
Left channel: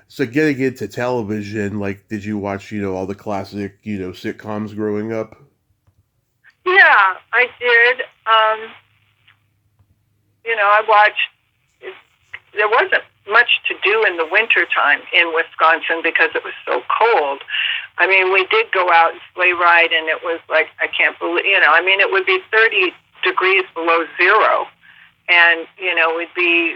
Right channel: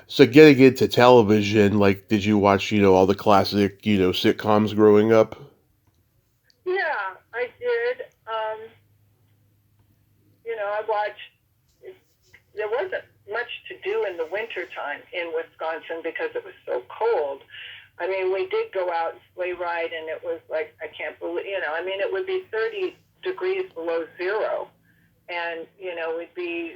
So getting into television, like, did you watch, all the classic, sitcoms growing up? Yeah, I did. I watched, there wasn't much to do in the wintertime in Wisconsin because it was so cold. We did go out and sleigh ride, and it was like, I can't believe, it would be 30 degrees below zero. And, we'd be,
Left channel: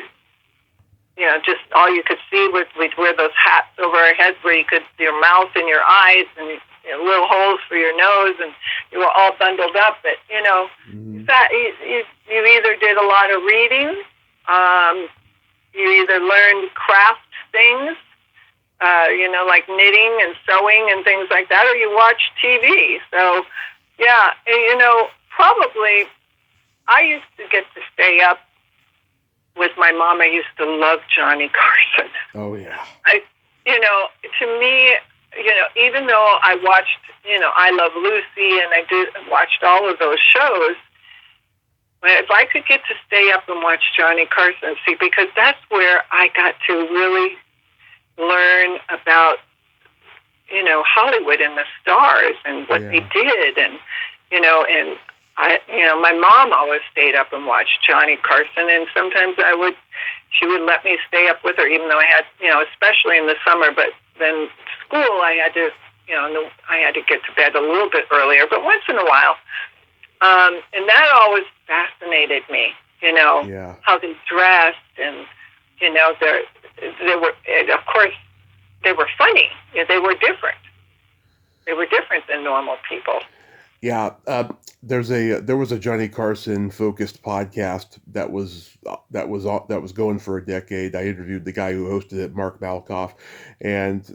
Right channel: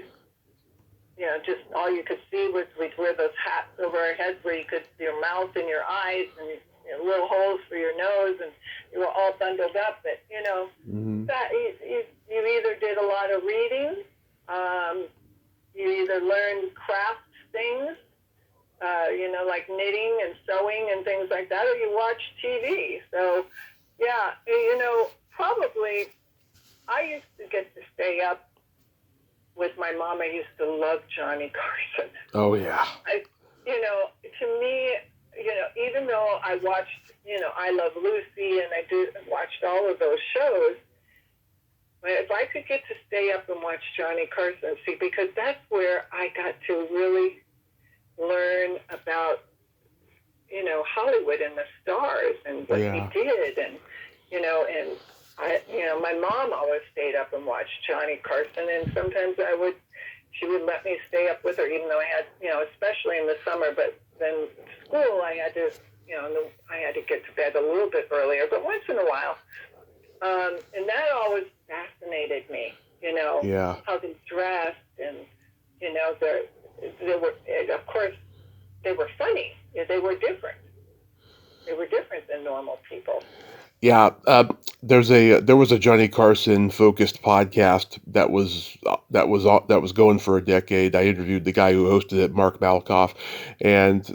just all you could see was we'd wear those hats over our heads where you could see your mouth and your eyes and little holes for your nose, and you were all bundled up. But, that you either did a lot of reading, you either learned craft things, like knitting and sewing and things like that, or you watched TV. So, probably I used to get to stay up with my mom. I used to love Johnny Carson. Oh, yeah. To me, even though I watched, I Love Lucy, and I watched all of those shows, if I could get to stay up and watch Johnny Carson, because that's where I got to really learn about, Hollywood and the stars and what they did, and, and my mom always stayed up and watched Johnny Carson, and sometimes she would let me stay up with her, even though I had, especially in the summer, but then school, I had to get to bed a little bit earlier, but once in a while. And that always fascinated me, how they dressed, and, they were, of course, they were funny. They were different. They were different than normal people. Yeah, there was a Johnny Carson focused podcast that was going for a decade. I interviewed the guy who hosted it, Mark Malkoff, and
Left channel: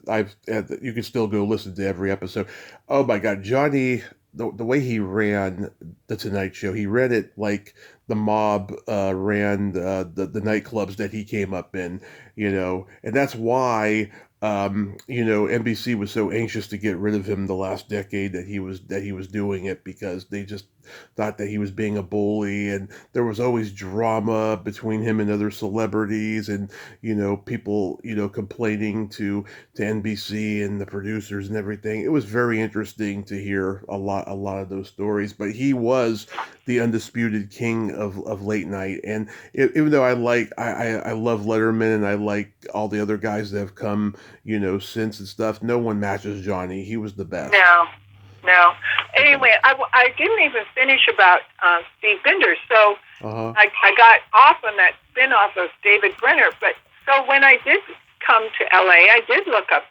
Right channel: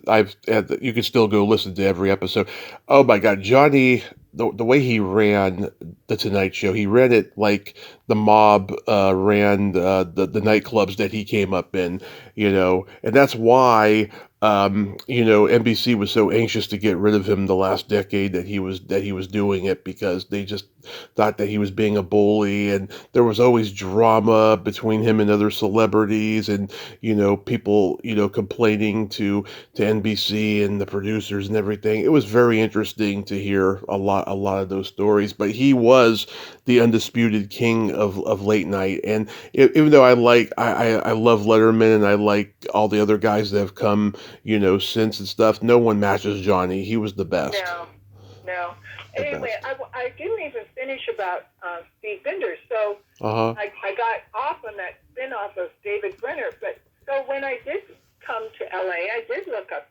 you can still go listen to every episode. Oh my God, Johnny, the way he ran the Tonight Show, he ran it like the mob ran the nightclubs that he came up in, and that's why NBC was so anxious to get rid of him the last decade that he was doing it, because they just thought that he was being a bully, and there was always drama between him and other celebrities, and people complaining to NBC and the producers and everything. It was very interesting to hear a lot of those stories, but he was the undisputed king of late night. And even though I love Letterman, and I like all the other guys that have come since and stuff. No one matches Johnny. He was the best. No. Anyway, I didn't even finish about Steve Binder, so I got off on that spin-off of David Brenner. But so when I did come to LA, I did look up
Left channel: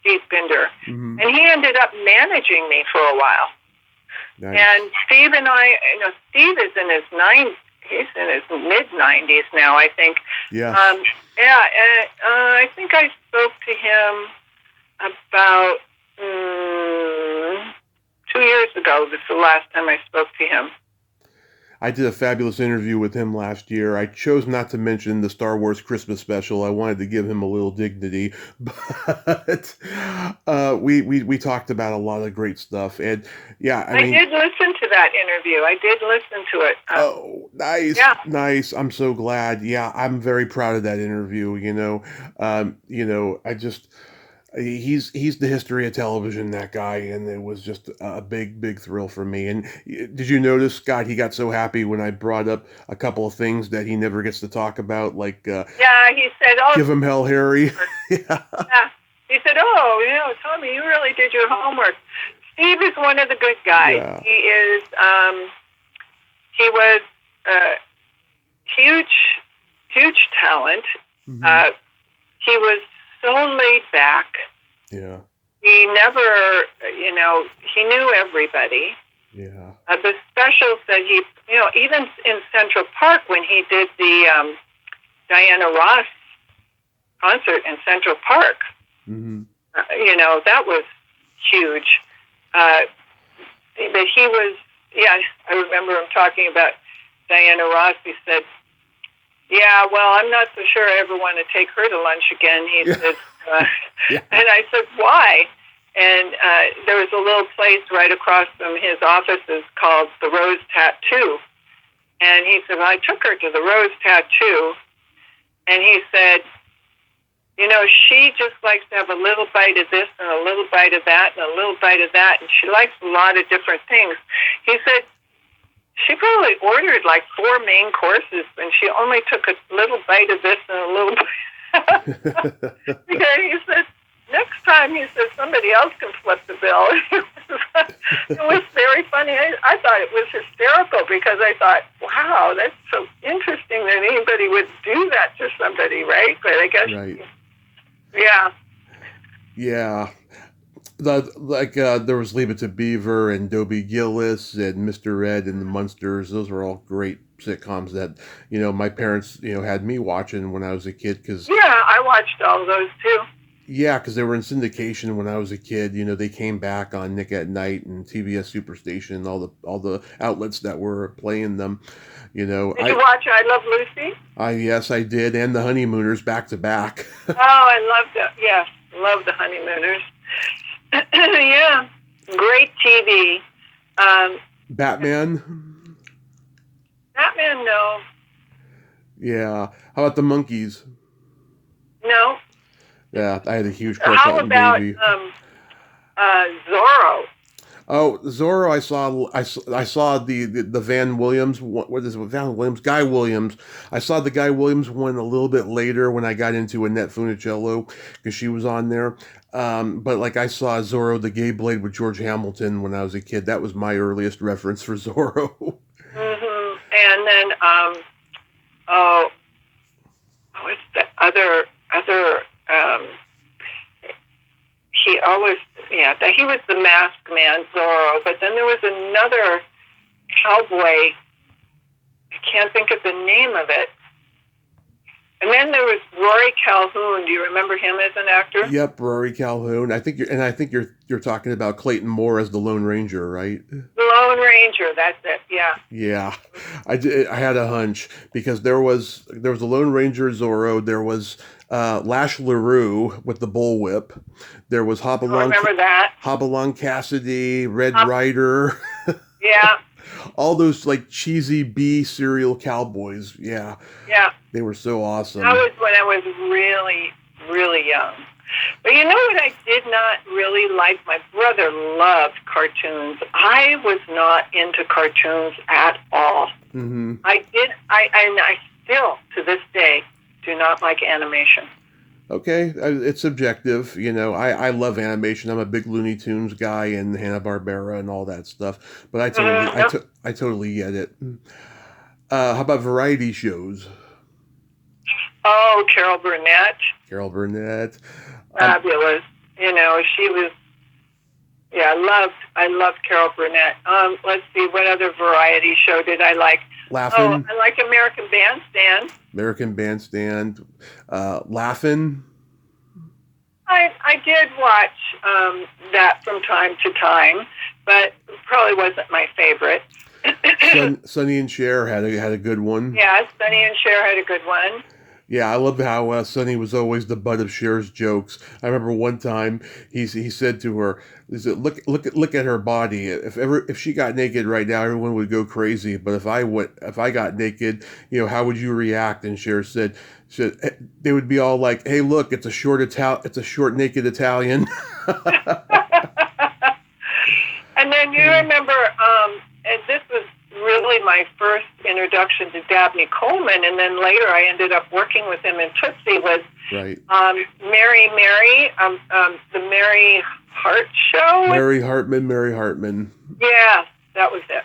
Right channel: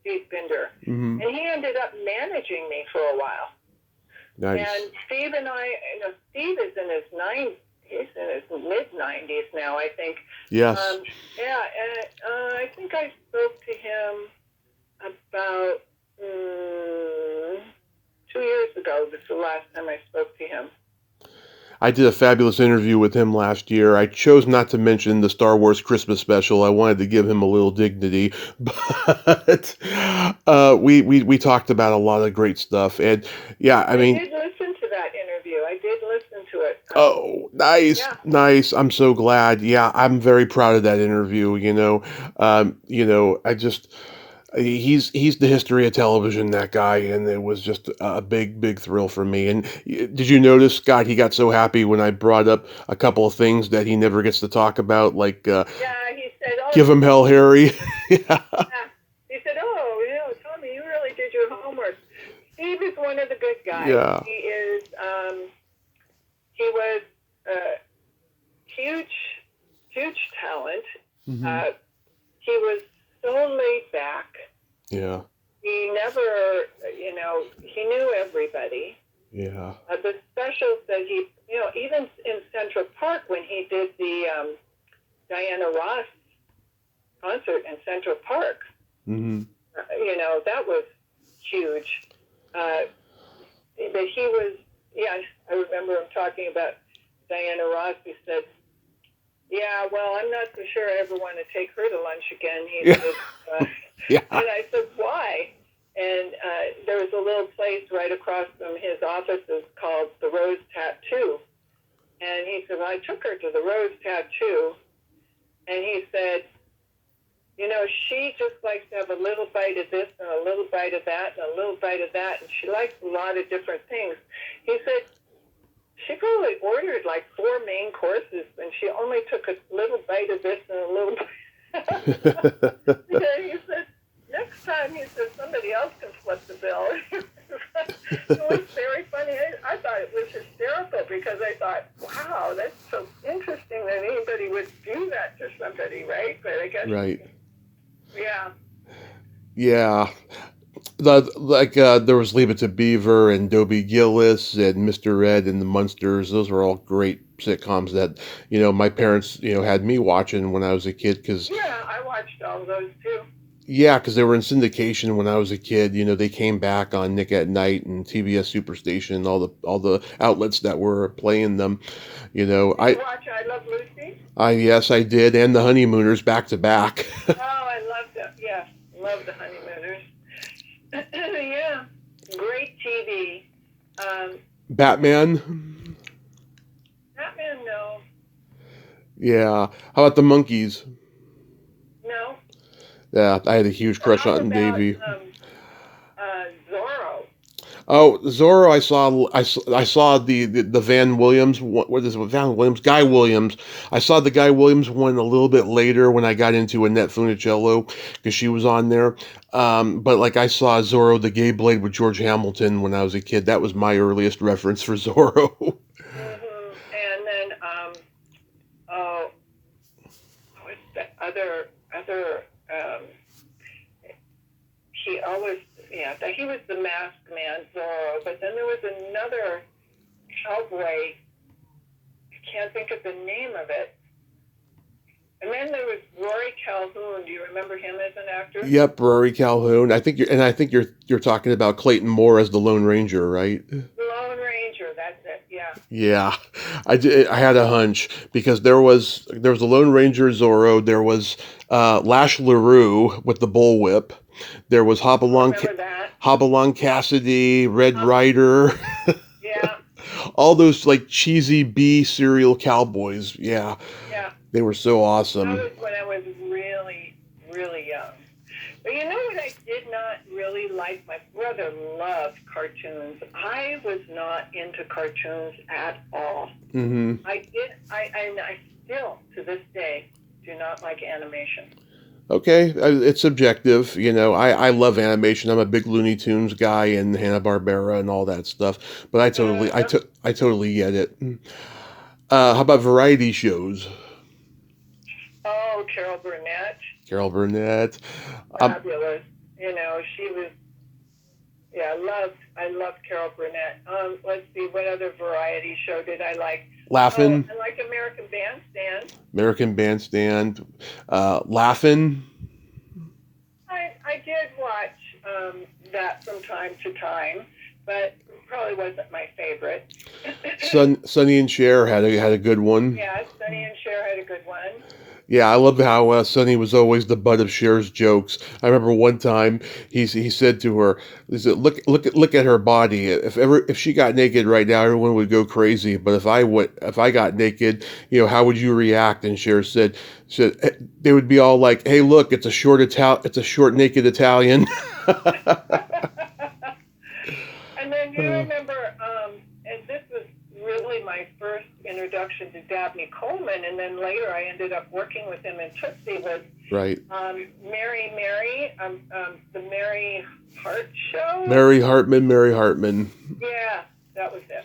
Steve Binder, and he ended up managing me for a while. Nice. And Steve and I, Steve is in his he's in his mid-90s now, I think. Yes. I think I spoke to him about 2 years ago. This is the last time I spoke to him. I did a fabulous interview with him last year. I chose not to mention the Star Wars Christmas special. I wanted to give him a little dignity, but we talked about a lot of great stuff. And yeah, I mean, did listen to that interview. I did listen to it. Oh, nice, nice. I'm so glad. Yeah, I'm very proud of that interview. I just. He's the history of television, that guy, and it was just a big thrill for me. And did you notice, Scott, he got so happy when I brought up a couple of things that he never gets to talk about, like he said, give him hell, Harry. He said, Tommy, you really did your homework. Steve is one of the good guys. Yeah. He is. He was huge talent. He was so laid back. Yeah. He never, he knew everybody. Yeah. The specials that he, even in Central Park when he did the Diana Ross concert in Central Park, that was huge. But he was, I remember him talking about Diana Ross. He said, yeah, well, I'm not so sure I ever want to take her to lunch again. He said, and I said, why? And there was a little place right across from his offices called the Rose Tattoo. And he said, well, I took her to the Rose Tattoo. And he said, she just likes to have a little bite of this and a little bite of that and a little bite of that. And she likes a lot of different things. He said, she probably ordered like 4 main courses, and she only took a little bite of this and a little bite. He said, next time, he said, somebody else can flip the bill. It was very funny. I thought it was hysterical because I thought, wow, that's so interesting that anybody would do that to somebody, right? But I guess, right. Yeah. Yeah. There was Leave It to Beaver and Dobie Gillis and Mr. Ed and the Munsters. Those were all great sitcoms that, my parents, had me watching when I was a kid. I watched all those too. Yeah, because they were in syndication when I was a kid. They came back on Nick at Night and TBS Superstation and all the outlets that were playing them. Did you watch I Love Lucy? Yes, I did, and the Honeymooners back to back. I loved it. Yes, love the Honeymooners. Yeah, great TV. Batman? Batman, no. Yeah. How about the Monkees? No. Yeah, I had a huge crush on Baby. Zorro? Oh, Zorro! I saw the Van Williams. What is it? Van Williams? Guy Williams. I saw the Guy Williams one a little bit later when I got into Annette Funicello because she was on there. But I saw Zorro the Gay Blade with George Hamilton when I was a kid. That was my earliest reference for Zorro. And then what's the other? He always, he was the masked man, Zorro, but then there was another cowboy, I can't think of the name of it. And then there was Rory Calhoun. Do you remember him as an actor? Yep, Rory Calhoun. I think you're talking about Clayton Moore as the Lone Ranger, right? The Lone Ranger, that's it. Yeah. Yeah, I had a hunch because there was the Lone Ranger Zorro. There was Lash LaRue with the bullwhip. There was Hopalong Cassidy, Red Ryder. Yeah. All those cheesy B serial cowboys. Yeah. Yeah. They were so awesome. That was when I was really, really young. But you know what I did not really like? My brother loved cartoons. I was not into cartoons at all. Mm-hmm. I still, to this day, do not like animation. Okay, it's subjective. I love animation. I'm a big Looney Tunes guy and Hanna-Barbera and all that stuff. But Yep. I totally get it. How about variety shows? Oh, Carol Burnett, Carol Burnett. Um, fabulous. She was. Yeah, I loved Carol Burnett. Let's see, what other variety show did I like? Oh, Laugh-In, I like American Bandstand. American Bandstand. Laugh-In. I did watch that from time to time, but probably wasn't my favorite. Sonny and Cher had a good one. Yeah, Sonny and Cher had a good one. Yeah, I love how Sonny was always the butt of Cher's jokes. I remember one time he said to her, he said, look at her body. If she got naked right now, everyone would go crazy. But if I got naked, how would you react?" And Cher said they would be all like, "Hey, look, it's a short naked Italian." And then you remember, and this was really my first introduction to Dabney Coleman, and then later I ended up working with him in Tootsie, was Right. Mary, the Mary Hart Show. Mary Hartman. Yeah, that was it.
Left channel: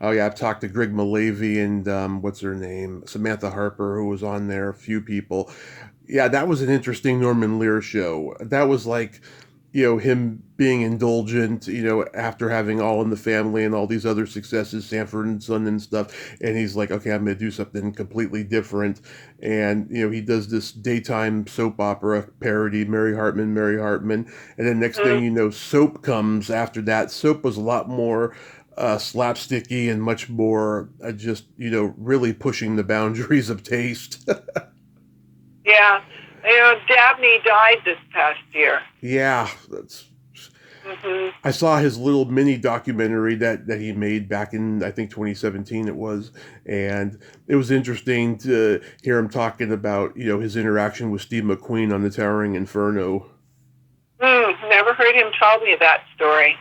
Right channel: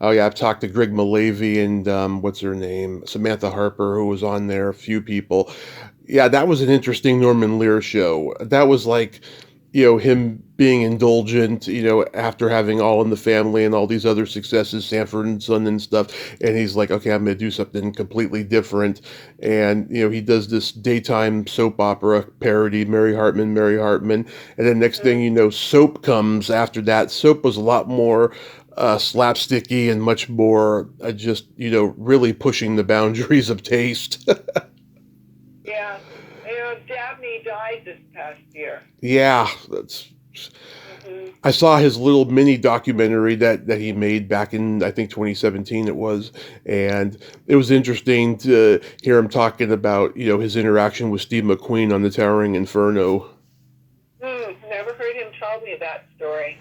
Oh yeah, I've talked to Greg Malavy and what's her name, Samantha Harper, who was on there. A few people. Yeah, that was an interesting Norman Lear show. That was like, him being indulgent, after having All in the Family and all these other successes, Sanford and Son and stuff, and he's like, okay, I'm going to do something completely different. And he does this daytime soap opera parody, Mary Hartman, and then next thing you know, Soap comes after that. Soap was a lot more slapsticky and much more just really pushing the boundaries of taste. Yeah. Dabney died this past year. Yeah, I saw his little mini documentary that he made back in, I think, 2017 it was, and it was interesting to hear him talking about his interaction with Steve McQueen on the Towering Inferno. Never heard him tell me that story.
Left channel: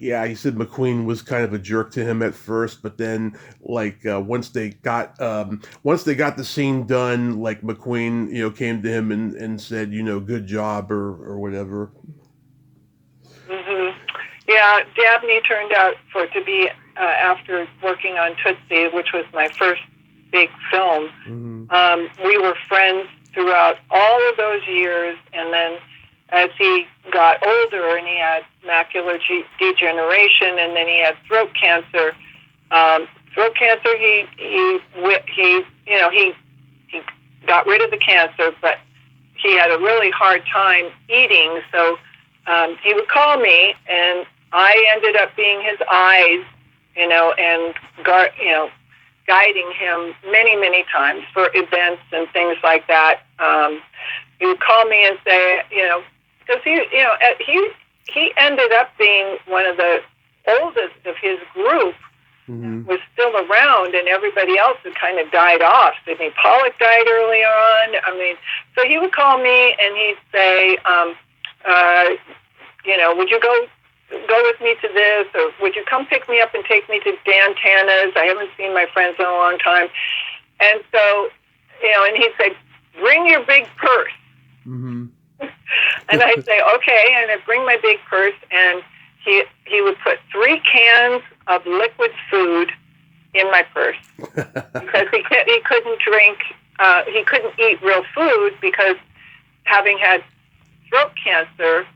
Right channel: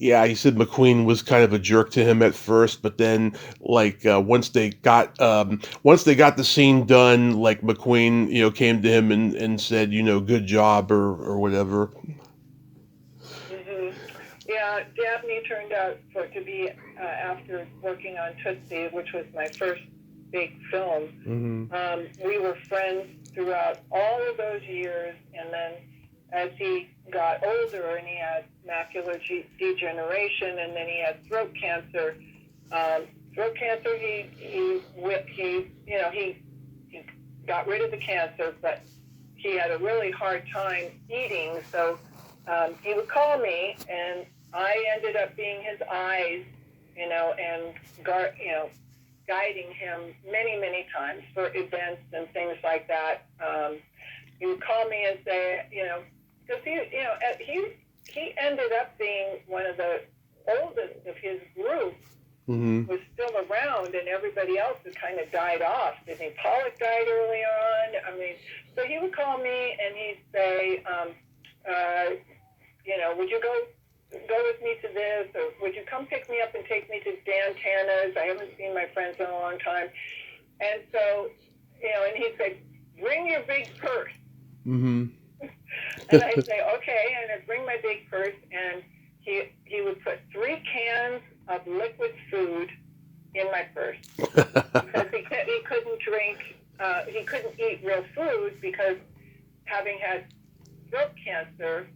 Yeah, he said McQueen was kind of a jerk to him at first, but then like once they got the scene done, like McQueen came to him and said good job or whatever. hmm Yeah, Dabney turned out to be, after working on Tootsie, which was my first big film. We were friends throughout all of those years, and then as he got older and he had macular degeneration, and then he had throat cancer. He got rid of the cancer, but he had a really hard time eating. So he would call me, and I ended up being his eyes, and guiding him many, many times for events and things like that. He would call me and say, because he ended up being one of the oldest of his group, was still around, and everybody else had kind of died off. Sidney Pollack died early on. So he would call me and he'd say, would you go with me to this, or would you come pick me up and take me to Dan Tana's? I haven't seen my friends in a long time. And so, and he'd say, bring your big purse. And I'd say, okay, and I'd bring my big purse, and he would put 3 cans of liquid food in my purse because he couldn't drink, he couldn't eat real food because having had throat cancer,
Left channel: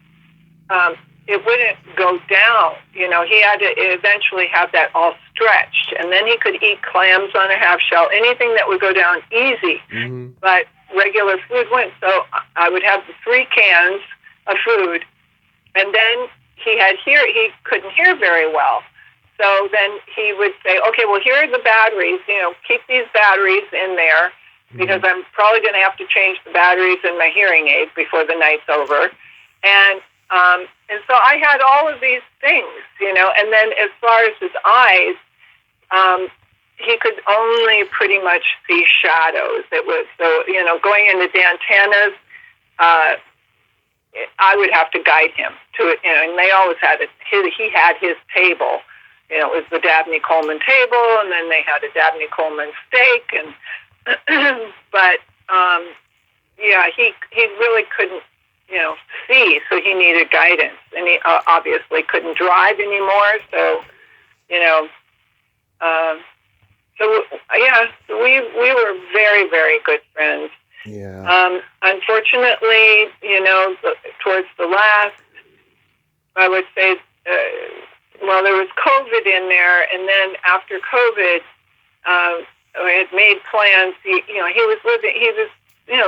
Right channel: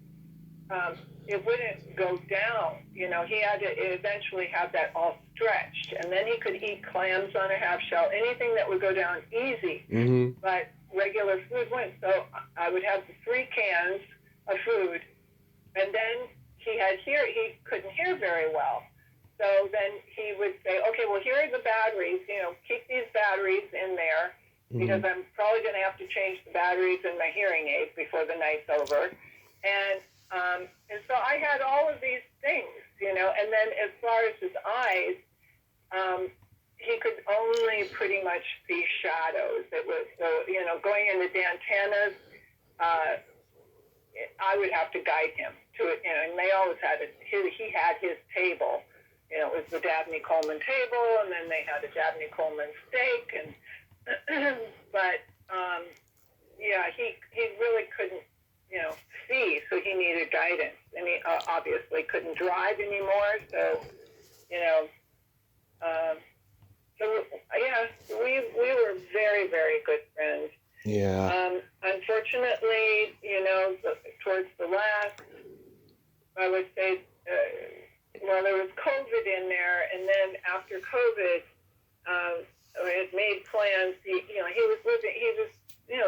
it wouldn't go down. He had to eventually have that all stretched, and then he could eat clams on a half shell, anything that would go down easy. But regular food wouldn't. So I would have the 3 cans of food, and then he couldn't hear very well. So then he would say, okay, well, here are the batteries, keep these batteries in there because I'm probably going to have to change the batteries in my hearing aids before the night's over. And so I had all of these things, and then as far as his eyes, he could only pretty much see shadows. It was, so, going into Dan Tana's, I would have to guide him to it, and they always had it. He had his table. It was the Dabney Coleman table, and then they had a Dabney Coleman steak, and but he really couldn't, see, so he needed guidance, and he obviously couldn't drive anymore. So, so we were very, very good friends. Yeah. Unfortunately, towards the last, I would say, there was COVID in there, and then after COVID, I had made plans. He was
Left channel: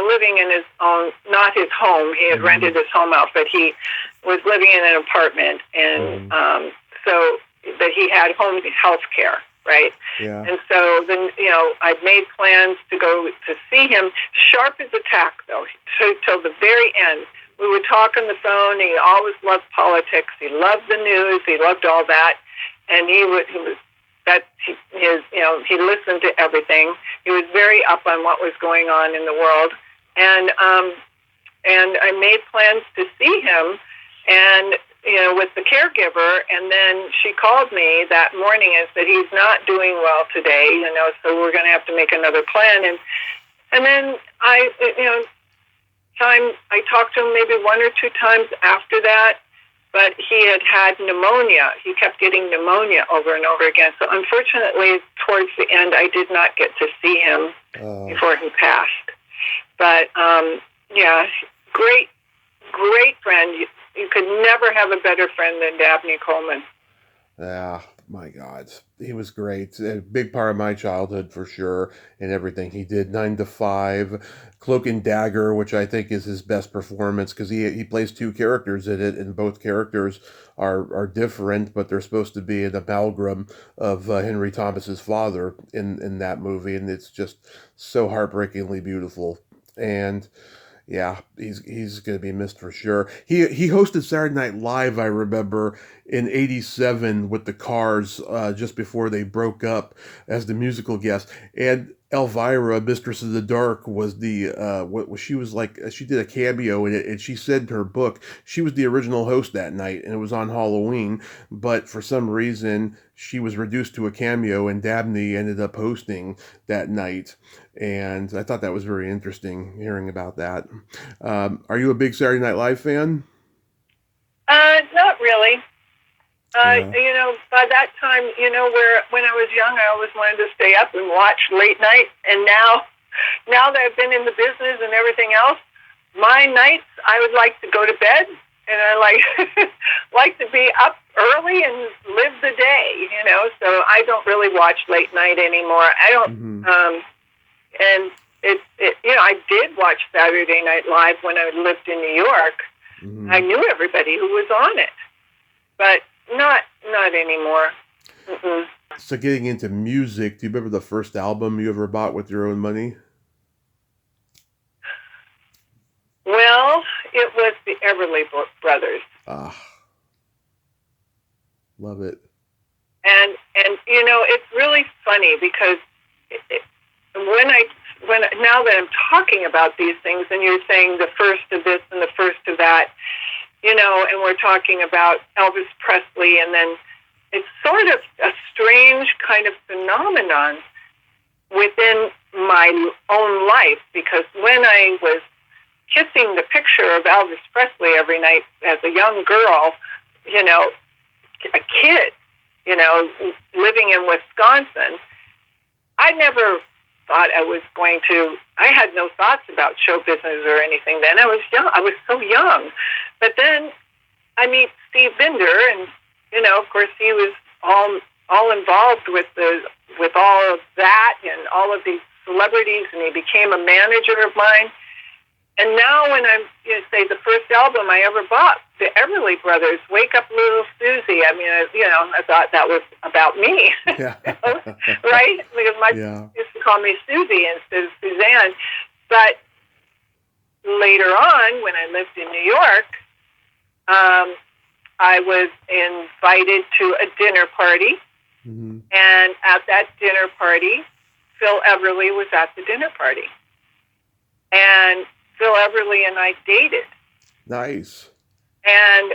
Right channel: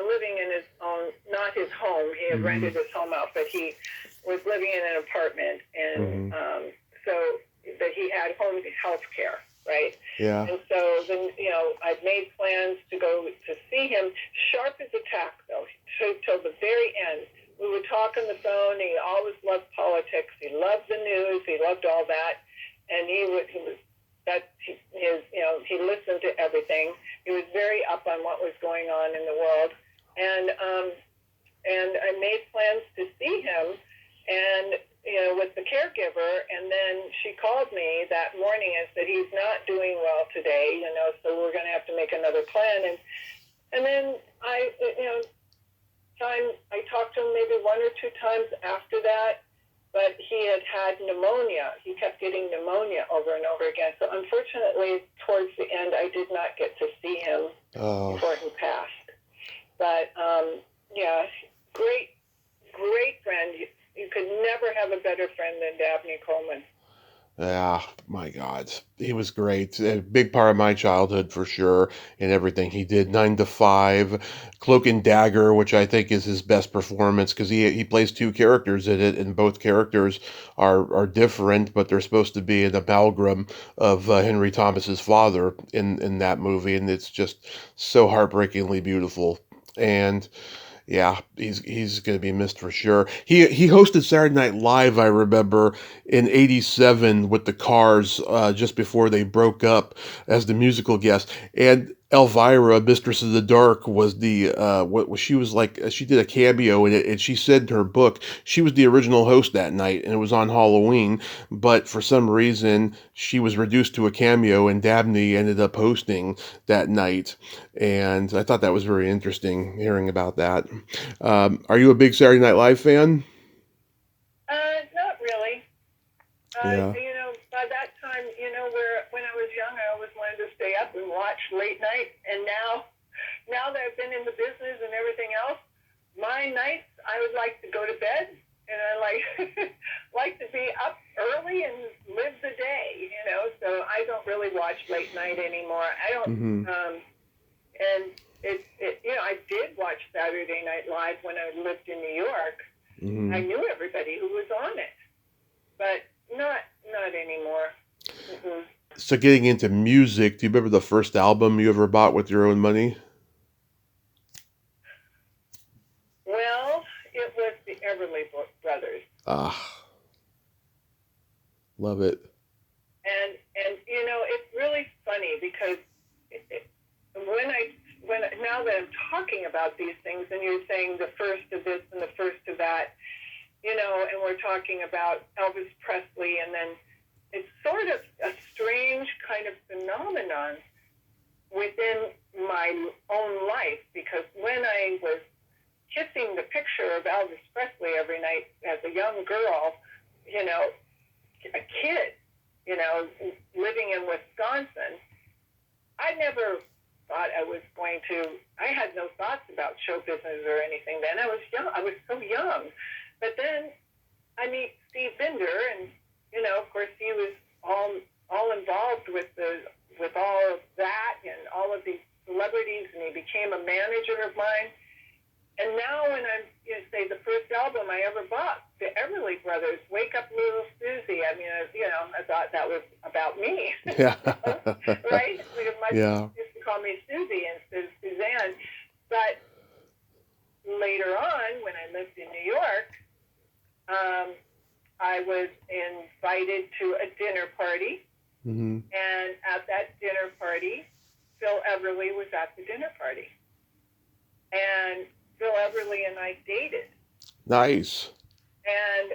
living in his own, not his home. He had rented his home out, but he was living in an apartment, and so that he had home health care, right? Yeah. And so then, I'd made plans to go to see him. Sharp as a tack, though, till the very end. We would talk on the phone. He always loved politics. He loved the news. He loved all that, and he listened to everything. He was very up on what was going on in the world, and I made plans to see him, and with the caregiver, and then she called me that morning and said he's not doing well today, so we're going to have to make another plan, and then I talked to him maybe one or two times after that. But he had pneumonia. He kept getting pneumonia over and over again. So unfortunately, towards the end, I did not get to see him before he passed. But great friend. You could never have a better friend than Dabney Coleman. Yeah, my God, he was great. A big part of my childhood for sure, and everything he did. 9 to 5, Cloak and Dagger, which I think is his best performance because he plays two characters in it, and both characters are different, but they're supposed to be an amalgam of Henry Thomas's father in that movie, and it's just so heartbreakingly beautiful. And yeah, he's going to be missed for sure. He hosted Saturday Night Live, I remember, in '87 with the Cars, just before they broke up, as the musical guest. And Elvira, Mistress of the Dark, was the what she was like. She did a cameo in it, and she said in her book she was the original host that night, and it was on Halloween. But for some reason, she was reduced to a cameo, and Dabney ended up hosting that night. And I thought that was very interesting hearing about that. Are you a big Saturday Night Live fan? Not really. Yeah. By that time, when I was young, I always wanted to stay up and watch late night. And now that I've been in the business and everything else, my nights, I would like to go to bed, and I like to be up early and live the day, So I don't really watch late night anymore. I don't, and I did watch Saturday Night Live when I lived in New York. I knew everybody who was on it, but not anymore. So getting into music, do you remember the first album you ever bought with your own money? Well, it was the Everly Brothers. Love it. And it's really funny because now that I'm talking about these things, and you're saying the first of this and the first of that, and we're talking about Elvis Presley, and then it's sort of a strange kind of phenomenon within my own life, because when I was kissing the picture of Elvis Presley every night as a young girl, a kid, living in Wisconsin, I never thought I had no thoughts about show business or anything then. I was young. I was so young. But then I meet Steve Binder, and, of course he was all involved with all of that and all of these celebrities, and he became a manager of mine. And now when I'm, say the first album I ever bought, the Everly Brothers, Wake Up Little Susie, I mean, I thought that was about me, Yeah. right? Because my parents used to call me Susie instead of Suzanne. But later on, when I lived in New York, I was invited to a dinner party. And at that dinner party, Phil Everly was at the dinner party. And Phil Everly and I dated. Nice. And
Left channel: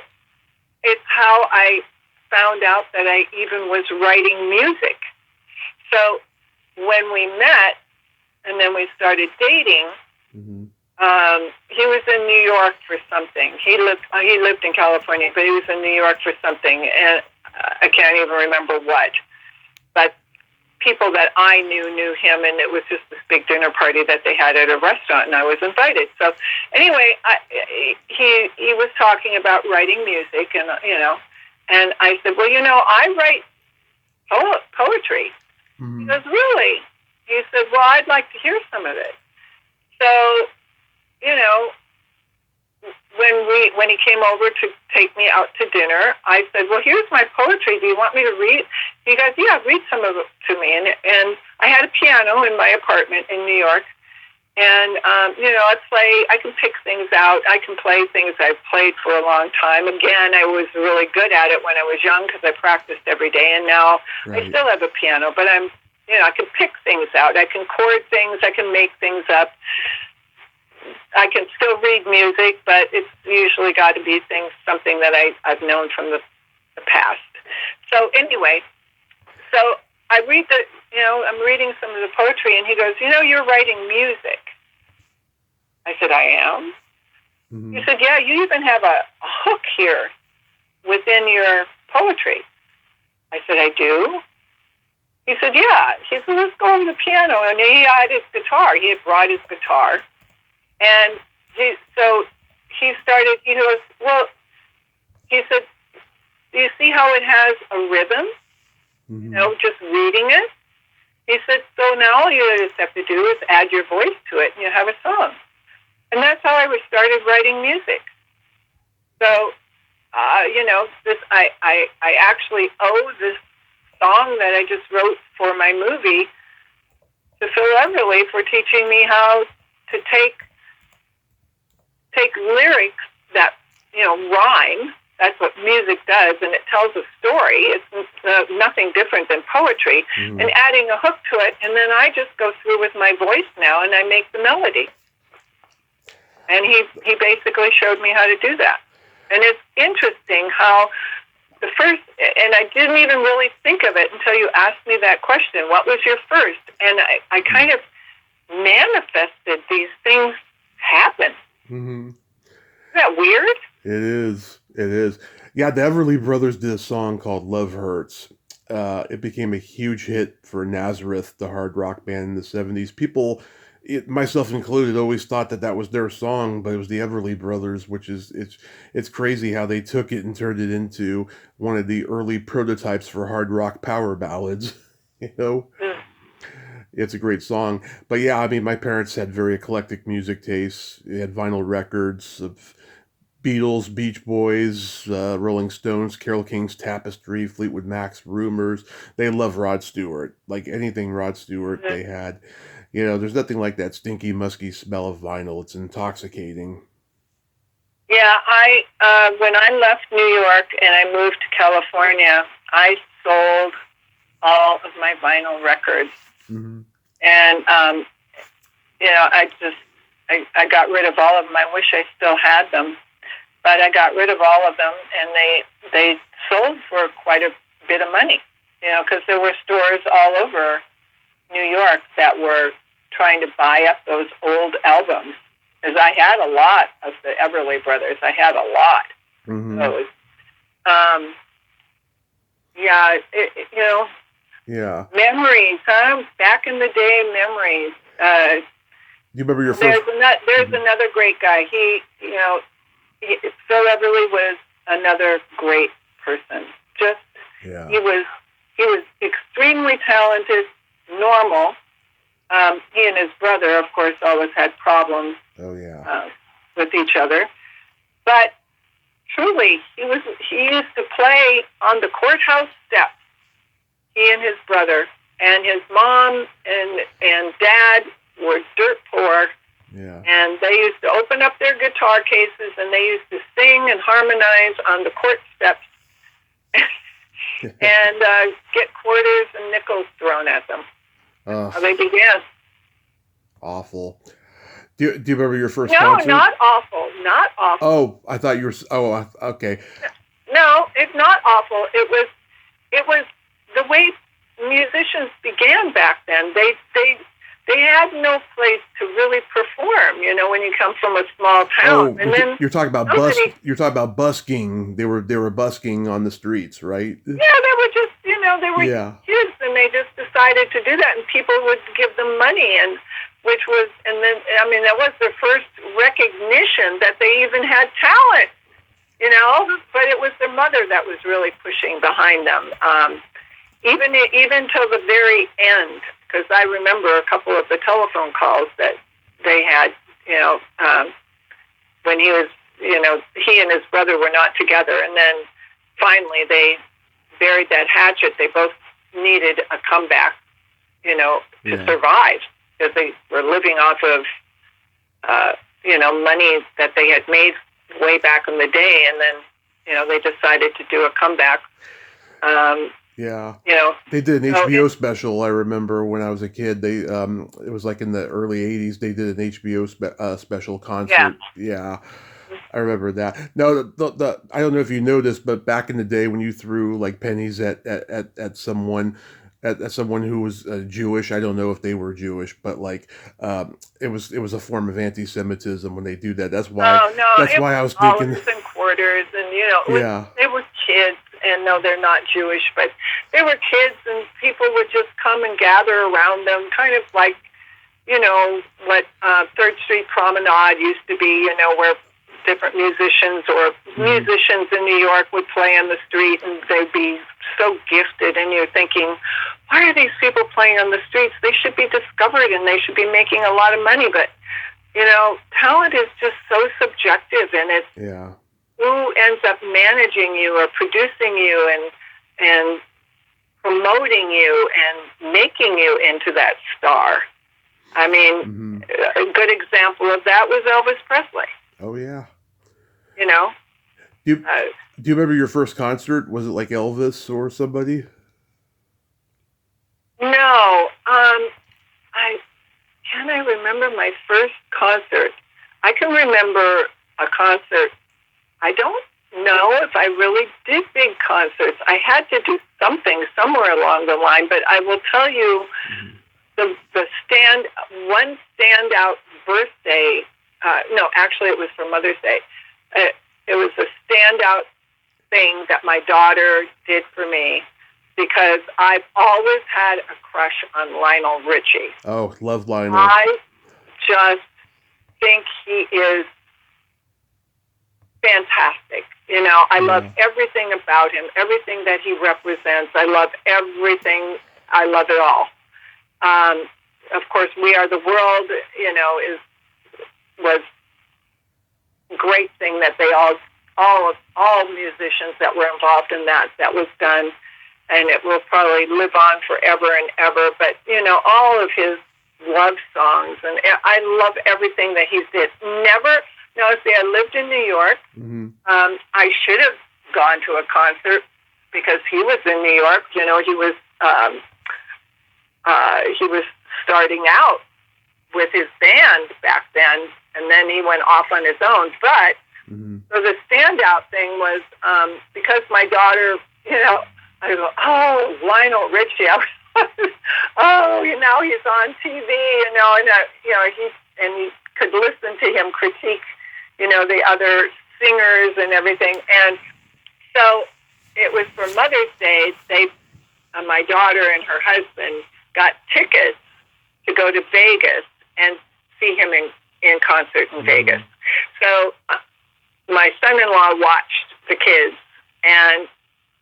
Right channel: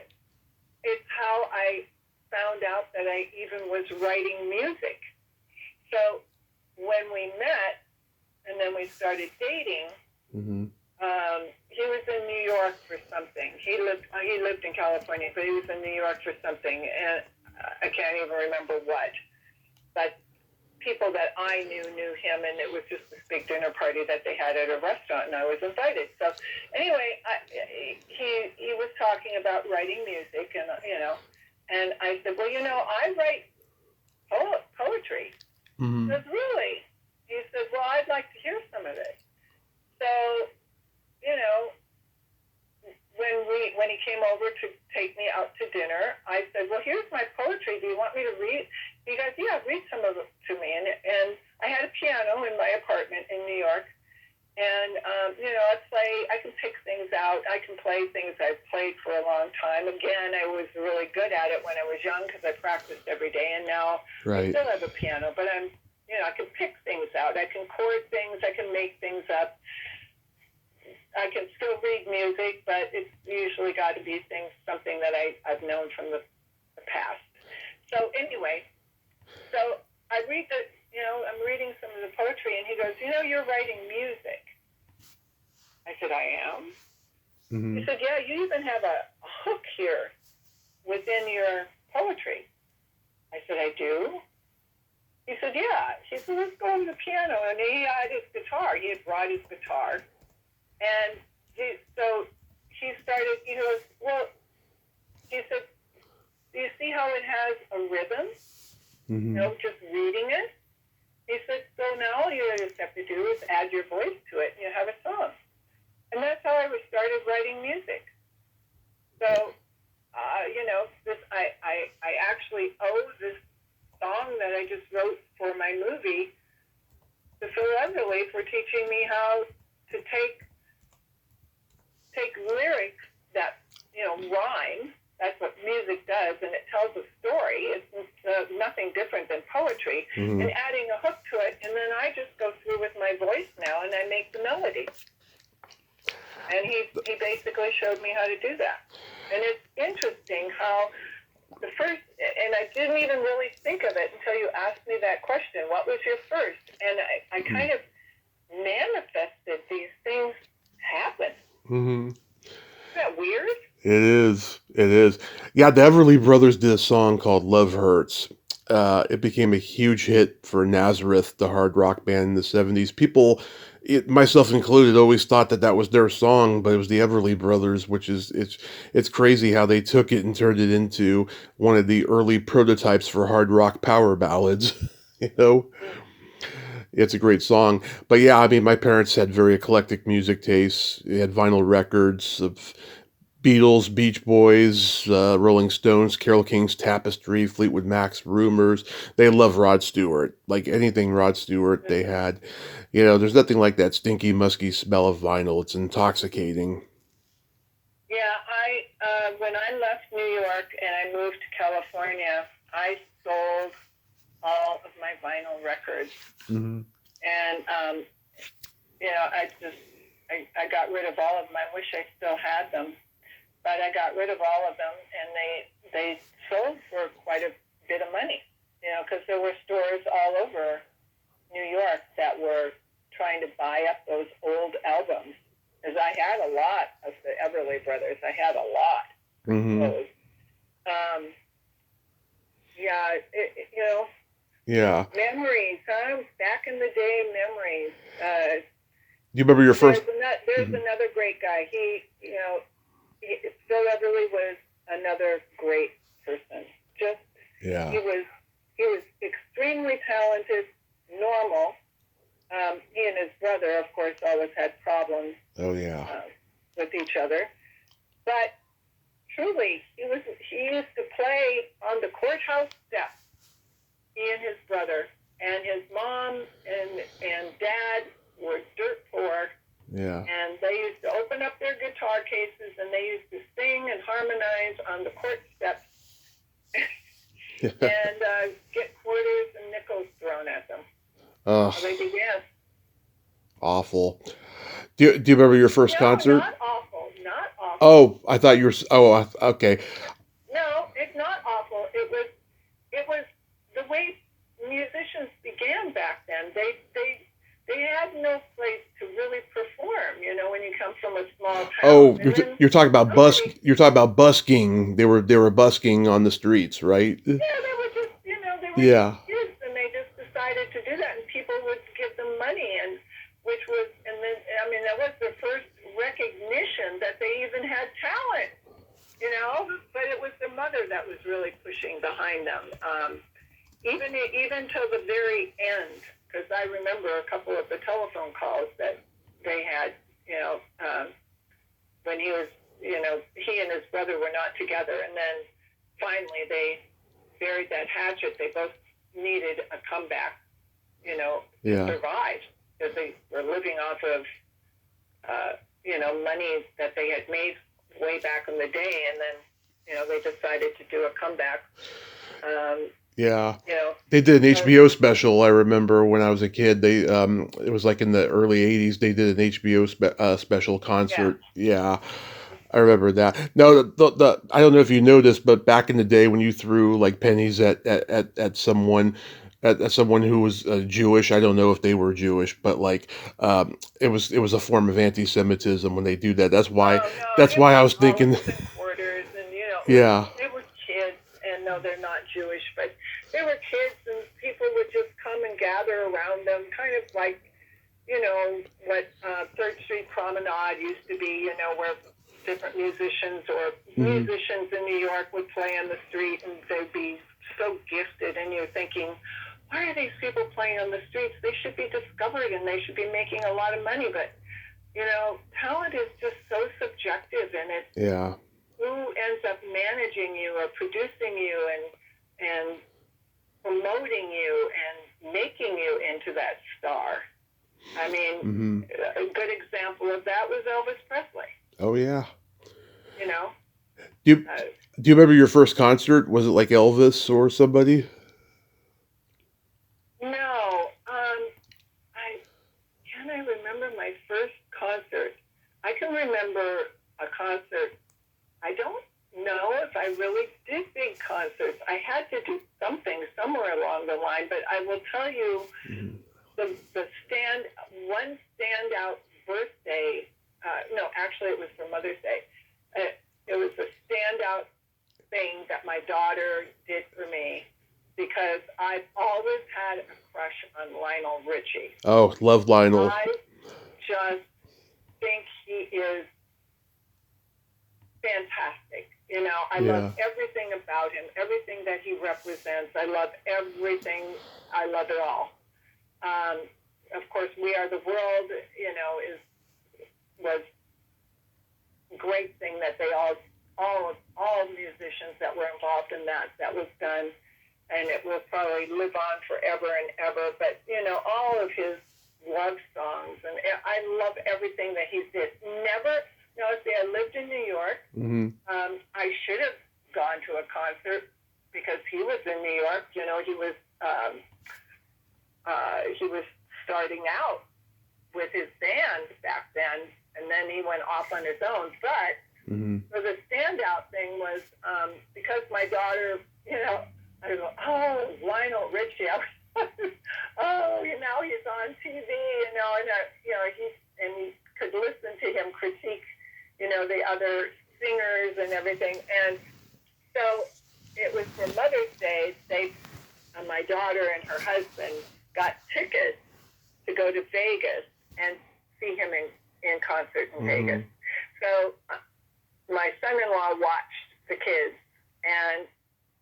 it's how I found out that I even was writing music. So when we met and then we started dating, He was in New York for something. He lived in California, but he was in New York for something, and I can't even remember what. But people that I knew him, and it was just this big dinner party that they had at a restaurant, and I was invited. So anyway, he was talking about writing music, and and I said, well, I write poetry. Mm-hmm. He goes, really? He said, well, I'd like to hear some of it. So, when he came over to take me out to dinner, I said, well, here's my poetry. Do you want me to read? He goes, yeah, read some of it to me. And I had a piano in my apartment in New York. And, I can pick things out. I can play things I've played for a long time. Again, I was really good at it when I was young because I practiced every day. And now I still have a piano, but I can pick things out. I can chord things. I can make things up. I can still read music, but it's usually got to be something that I've known from the past. So anyway, I read I'm reading some of the poetry, and he goes, you're writing music. I said, I am? Mm-hmm. He said, yeah, you even have a hook here within your poetry. I said, I do? He said, yeah. He said, let's go over the piano. And he had his guitar. He had brought his guitar. And he started, he goes, well, he said, do you see how it has a rhythm? Mm-hmm. Just reading it? He said, so now all you just have to do is add your voice to it and you have a song. And that's how I started writing music. So, I actually owe this song that I just wrote for my movie to Phil Everly for teaching me how to take lyrics that, rhyme. That's what music does, and it tells a story. It's nothing different than poetry. Mm-hmm. And adding a hook to it, and then I just go through with my voice now, and I make the melody. And he basically showed me how to do that. And it's interesting how the first, and I didn't even really think of it until you asked me that question, what was your first? And I kind of manifested these things happen. Mm-hmm. Isn't that weird? It is. It is. Yeah, the Everly Brothers did a song called Love Hurts. It became a huge hit for Nazareth, the hard rock band in the 70s. People, myself included, always thought that was their song, but it was the Everly Brothers, which is, it's crazy how they took it and turned it into one of the early prototypes for hard rock power ballads, It's a great song. But yeah, I mean, my parents had very eclectic music tastes. They had vinyl records of Beatles, Beach Boys, Rolling Stones, Carole King's Tapestry, Fleetwood Mac's Rumors. They love Rod Stewart. Like anything Rod Stewart, they had. There's nothing like that stinky, musky smell of vinyl. It's intoxicating. Yeah, when I left New York and I moved to California, I sold all of my vinyl records. Mm-hmm. And, I got rid of all of them. I wish I still had them. But I got rid of all of them, and they sold for quite a bit of money, because there were stores all over New York that were trying to buy up those old albums. Because I had a lot of the Everly Brothers. I had a lot. Mm-hmm. So, Yeah. Memories, huh? Back in the day, memories. Do you remember your first? There's another great guy. Phil Everly was another great person. He was extremely talented, normal. He and his brother, of course, always had problems. Oh yeah. With each other, but truly, he used to play on the courthouse steps. He and his brother, and his mom and dad were dirt poor. Yeah. And they used to open up their guitar cases and they used to sing and harmonize on the court steps and get quarters and nickels thrown at them. So they began. Awful. Do you remember your first concert? No, not awful. Not awful. Oh, I thought you were. Oh, okay. No, it's not awful. It was the way musicians began back then. They they had no place to really perform, when you come from a small town. Oh, And then you're talking about somebody, You're talking about busking. They were busking on the streets, right? yeah, they were just, they were Yeah. kids, and they just decided to do that, and people would give them money, and then, that was their first recognition that they even had talent, but it was their mother that was really pushing behind them, even till the very end, because I remember a couple of the telephone calls that they had, when he was, he and his brother were not together, and then finally they buried that hatchet. They both needed a comeback, to survive, because they were living off of, money that they had made way back in the day, and then, they decided to do a comeback. Yeah. They did an HBO special. I remember when I was a kid. They it was like in the early '80s. They did an HBO special concert. Yeah. I remember that. No, the I don't know if you know this, but back in the day when you threw like pennies at someone. At someone who was Jewish, I don't know if they were Jewish, but like it was a form of anti-Semitism when they do that. That's why. That's why I was thinking. And quarters, and Yeah. they were kids, and no, they're not Jewish, but they were kids, and people would just come and gather around them, kind of like what 3rd Street Promenade used to be, where different musicians or musicians in New York would play on the street, and they'd be so gifted, and you're thinking, why are these people playing on the streets? They should be discovered, and they should be making a lot of money. But talent is just so subjective, and it's who ends up managing you or producing you and promoting you and making you into that star. I mean, a good example of that was Elvis Presley. Oh yeah. Do you remember your first concert? Was it like Elvis or somebody? No. I remember my first concert. I can remember a concert. I don't know if I really did big concerts. I had to do something somewhere along the line, but I will tell you one standout birthday. No, actually, it was for Mother's Day. It was a standout thing that my daughter did for me, because I've always had a crush on Lionel Richie. Oh, love Lionel. I just think he is fantastic. I love everything about him, everything that he represents. I love everything. I love it all. Of course, We Are the World, was a great thing that they all musicians that were involved in that was done, and it will probably live on forever and ever. But all of his love songs, and I love everything that he did. I lived in New York. I should have gone to a concert because he was in New York. He was starting out with his band back then, and then he went off on his own. But so the standout thing was because my daughter, I go, oh, Lionel Richie. He's on TV, and he could listen to him critique, the other singers and everything. And so it was for Mother's Day. My daughter and her husband got tickets to go to Vegas and see him in concert in Vegas. So my son-in-law watched the kids, and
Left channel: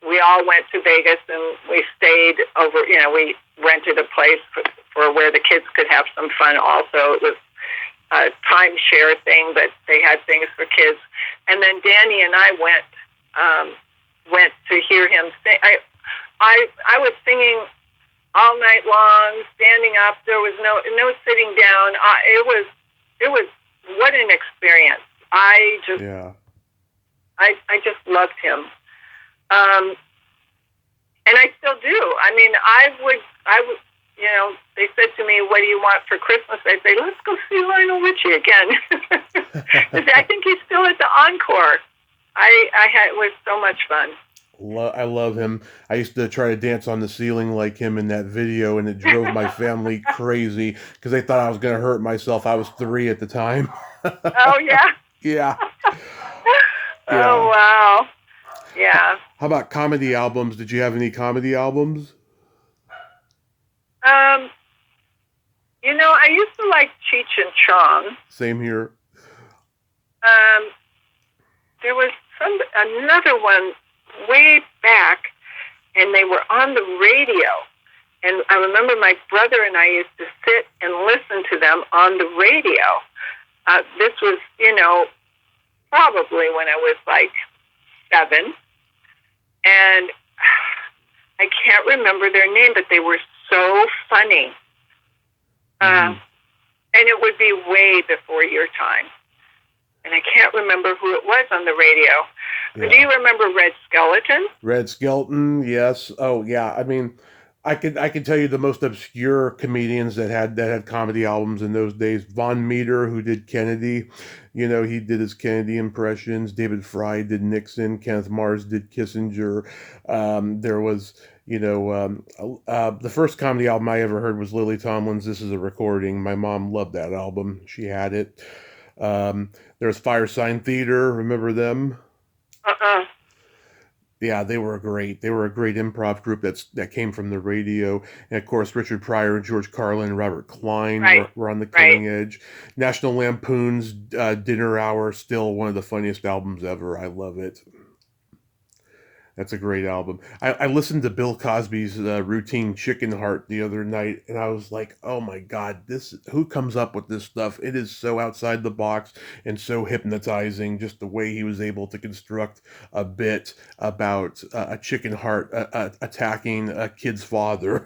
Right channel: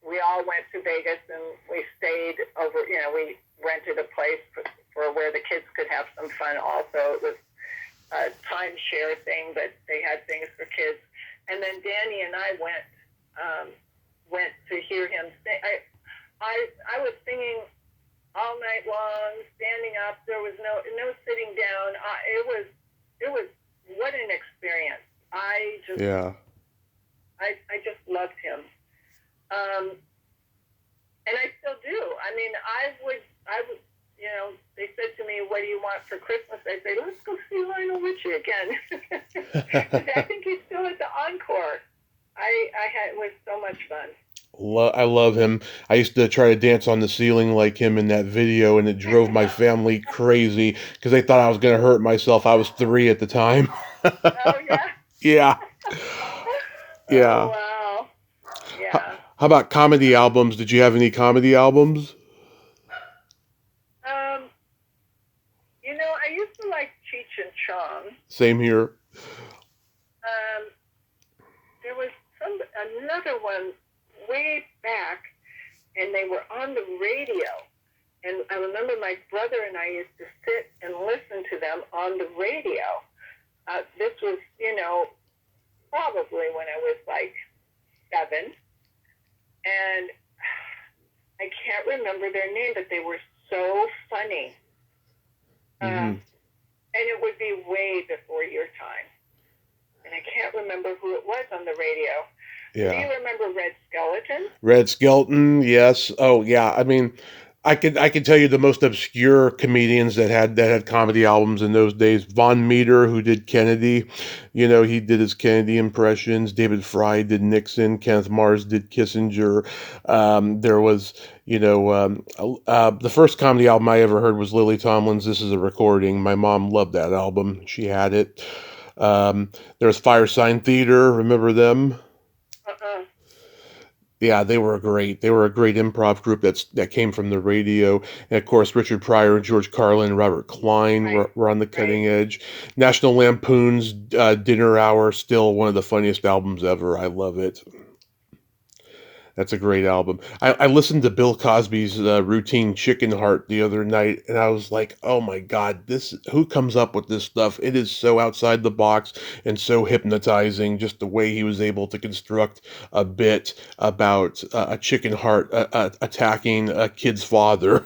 we all went to Vegas, and we stayed over, we rented a place for where the kids could have some fun also. It was a timeshare thing, but they had things for kids. And then Danny and I went to hear him sing. I was singing all night long, standing up. There was no sitting down. It was what an experience. I just loved him. And I still do. I mean, I would, they said to me, what do you want for Christmas? I'd say, let's go see Lionel Richie again. I think he's still at the Encore. It was so much fun. I love him. I used to try to dance on the ceiling like him in that video, and it drove my family crazy because they thought I was going to hurt myself. I was 3 at the time. Oh yeah. Yeah, Oh yeah. wow. How, Yeah. how about comedy albums? Did you have any comedy albums? Um, I used to like Cheech and Chong. Same here. Um, there was another one way back, and they were on the radio. And I remember my brother and I used to sit and listen to them on the radio. This was, probably when I was like 7. And I can't remember their name, but they were so funny. Mm-hmm. And it would be way before your time. And I can't remember who it was on the radio. Yeah. Do you remember Red Skeleton? Red Skelton, yes. Oh, yeah. I mean, I could tell you the most obscure comedians that had comedy albums in those days. Von Meter, who did Kennedy, he did his Kennedy impressions. David Fry did Nixon. Kenneth Mars did Kissinger. There was, the first comedy album I ever heard was Lily Tomlin's "This Is a Recording." My mom loved that album. She had it. There's Firesign Theater. Remember them? Uh-uh. Yeah, they were great. They were a great improv group that came from the radio. And of course, Richard Pryor, George Carlin, Robert Klein were on the cutting edge. National Lampoon's Dinner Hour, still one of the funniest albums ever. I love it. That's a great album. I listened to Bill Cosby's routine Chicken Heart the other night, and I was like, "Oh my God, who comes up with this stuff? It is so outside the box and so hypnotizing." Just the way he was able to construct a bit about a chicken heart attacking a kid's father.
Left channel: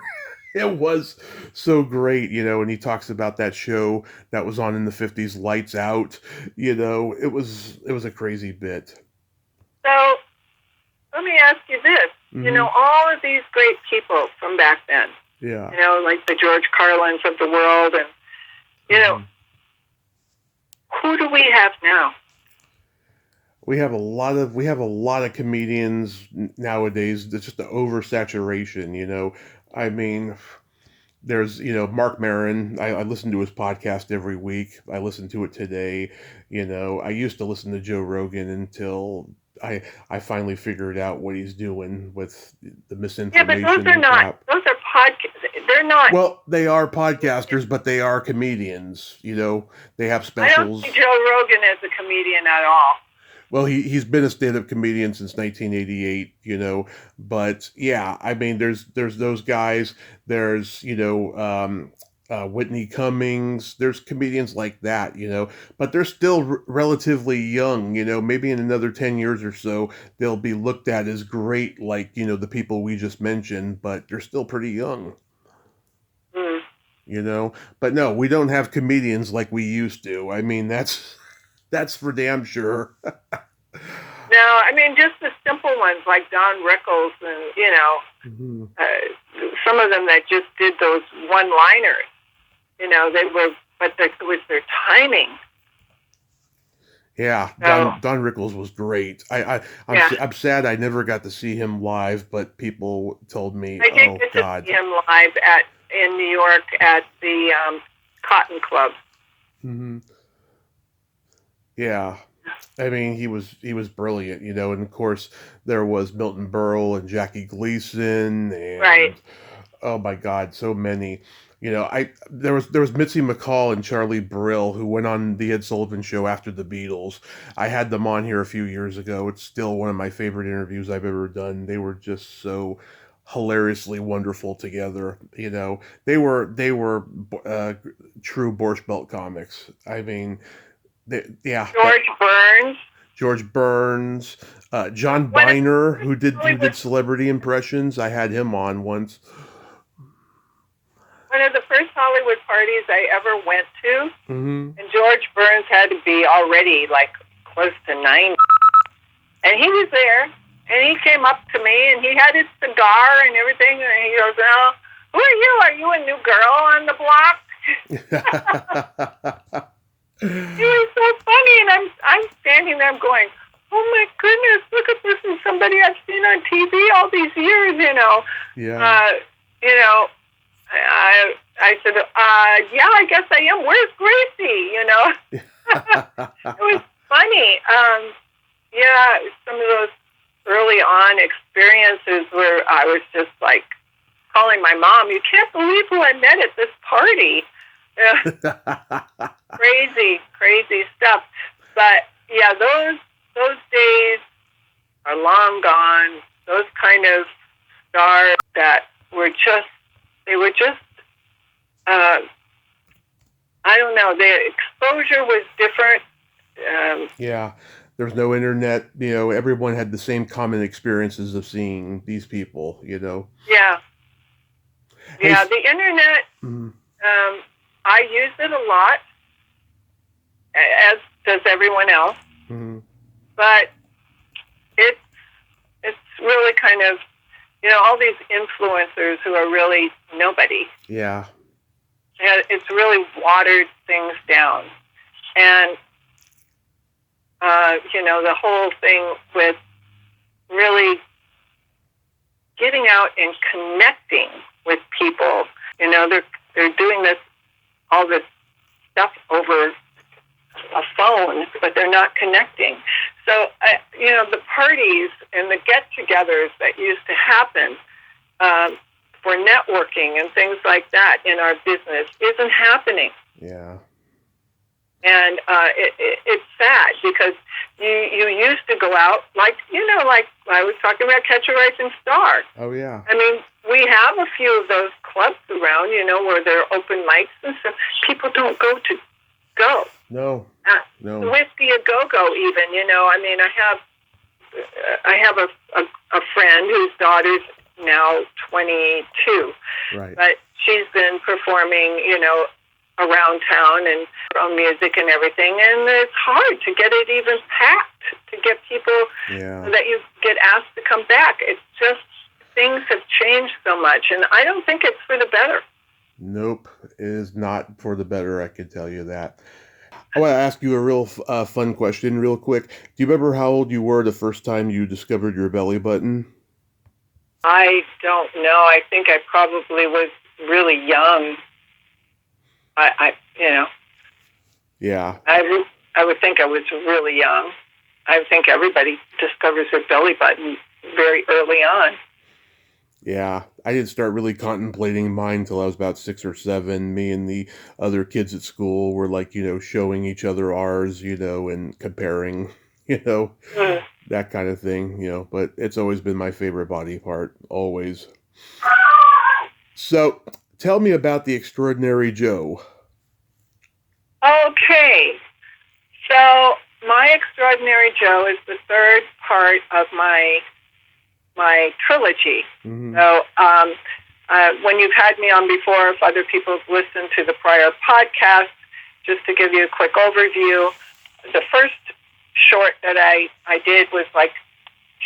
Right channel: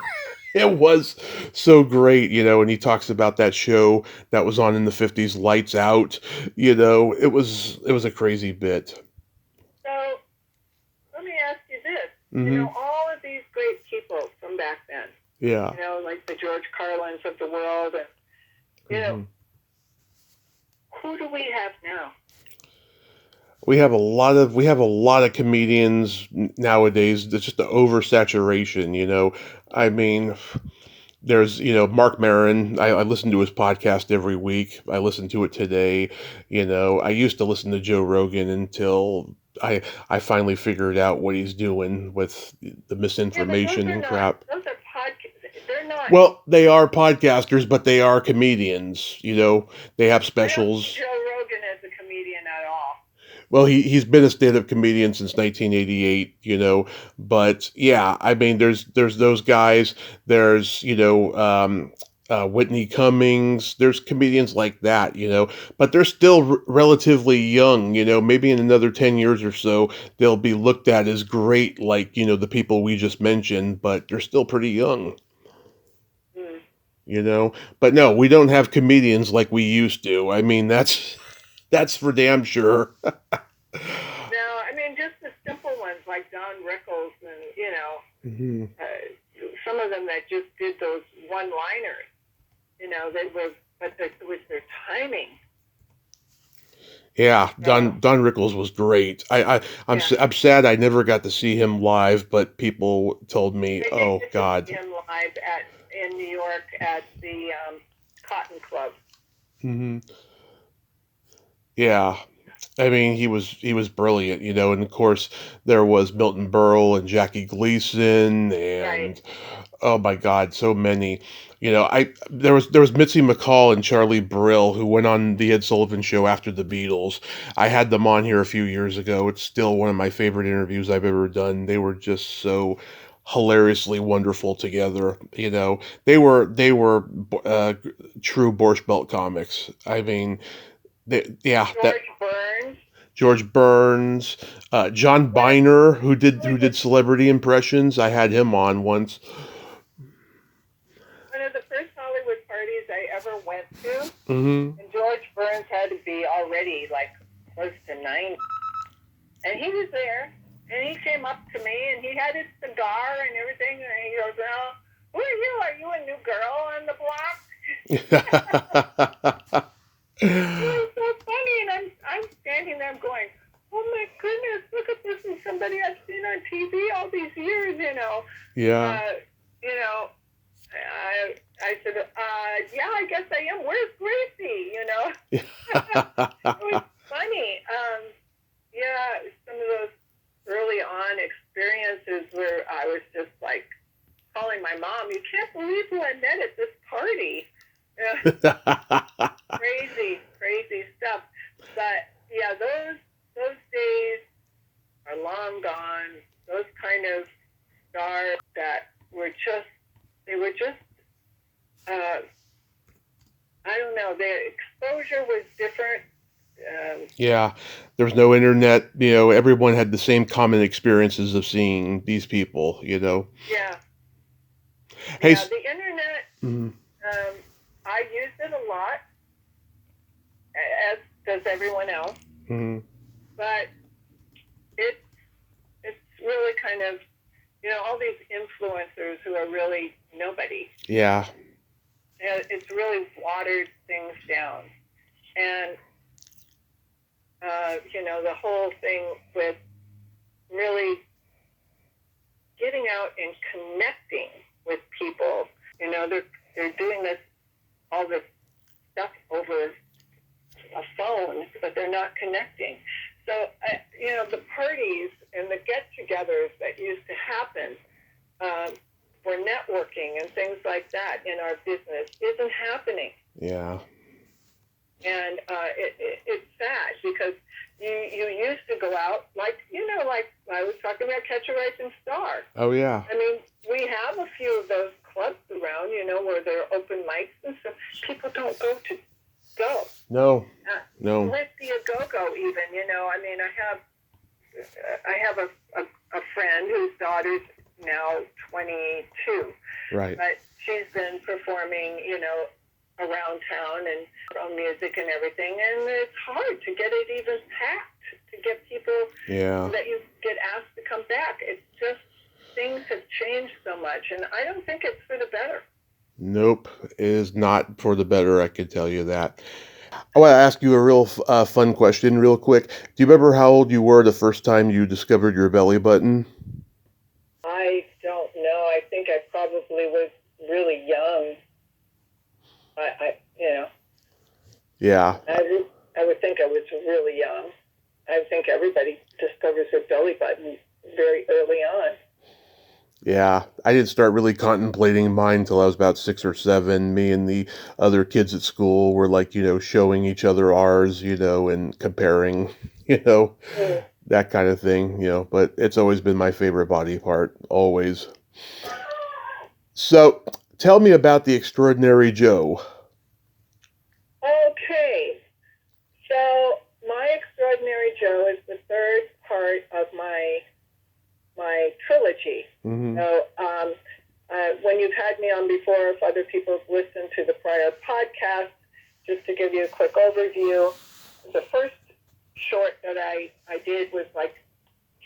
It was so great, and he talks about that show that was on in the 50s, Lights Out. It was a crazy bit. So let me ask you this. Mm-hmm. All of these great people from back then, Yeah. like the George Carlins of the world, and, Mm-hmm. who do we have now? We have a lot of comedians nowadays. It's just the oversaturation. I mean, there's Mark Maron. I listen to his podcast every week. I listen to it today. I used to listen to Joe Rogan until I finally figured out what he's doing with the misinformation and crap. Those are podcasts. They're not. Well, they are podcasters, but they are comedians. They have specials. I don't see Joe Rogan as a comedian at all. Well, he's been a stand-up comedian since 1988, but yeah, I mean, there's those guys. There's Whitney Cummings. There's comedians like that, but they're still relatively young. Maybe in another 10 years or so, they'll be looked at as great, like the people we just mentioned, but they're still pretty young. But no, we don't have comedians like we used to. I mean, that's for damn sure. No, I mean, just the simple ones like Don Rickles and, Mm-hmm. some of them that just did those one-liners. It was their timing. Yeah, Don Rickles was great. I'm sad I never got to see him live, but people told me, "Oh God." To see him live in New York at the Cotton Club. Mm-hmm. Yeah, I mean he was brilliant, and of course there was Milton Berle and Jackie Gleason and oh my God, so many. There was Mitzi McCall and Charlie Brill who went on the Ed Sullivan Show after the Beatles. I had them on here a few years ago. It's still one of my favorite interviews I've ever done. They were just so hilariously wonderful together. They were true Borscht Belt comics. I mean, George Burns, John Biner, who did celebrity impressions. I had him on once. One of the first Hollywood parties I ever went to, mm-hmm. and George Burns had to be already like close to 90. And he was there, and he came up to me, and he had his cigar and everything, and he goes, "Oh, who are you? Are you a new girl on the block?" He was so funny, and I'm standing there going, oh my goodness, look at this, and somebody I've seen on TV all these years, Yeah. I said, yeah, I guess I am. Where's Gracie? It was funny. Yeah, some of those early on experiences where I was just like calling my mom, you can't believe who I met at this party. Crazy stuff. But yeah, those days are long gone. Those kind of stars that were just, I don't know, the exposure was different. Yeah. There was no internet, everyone had the same common experiences of seeing these people, Yeah. Hey, Yeah, the internet, mhm. I use it a lot, as does everyone else. Mhm. But it's really kind of, all these influencers who are really nobody. Yeah. And it's really watered things down. And, the whole thing with really getting out and connecting with people, they're doing all this stuff over a phone, but they're not connecting. So, the parties and the get-togethers that used to happen for networking and things like that in our business isn't happening. Yeah. And it's sad because you used to go out like I was talking about Catch a Rising Star. Oh, yeah. I mean, we have a few of those clubs around, where there are open mics and stuff. People don't go. No. Whiskey a go-go even, I mean, I have a friend whose daughter's now 22. Right. But she's been performing, around town and on music and everything, and it's hard to get it even packed, to get people that you get asked to come back. It's just, things have changed so much, and I don't think it's for the better. Nope, it is not for the better, I can tell you that. I want to ask you a real fun question real quick. Do you remember how old you were the first time you discovered your belly button? I don't know. I think I probably was really young. Yeah. I would think I was really young. I think everybody discovers their belly button very early on. Yeah, I didn't start really contemplating mine until I was about 6 or 7. Me and the other kids at school were like, showing each other ours, and comparing, that kind of thing, but it's always been my favorite body part, always. So, tell me about the Extraordinary Joe. Okay, so my Extraordinary Joe is the third part of my trilogy. Mm-hmm. So when you've had me on before, if other people have listened to the prior podcast, just to give you a quick overview, the first short that I did was like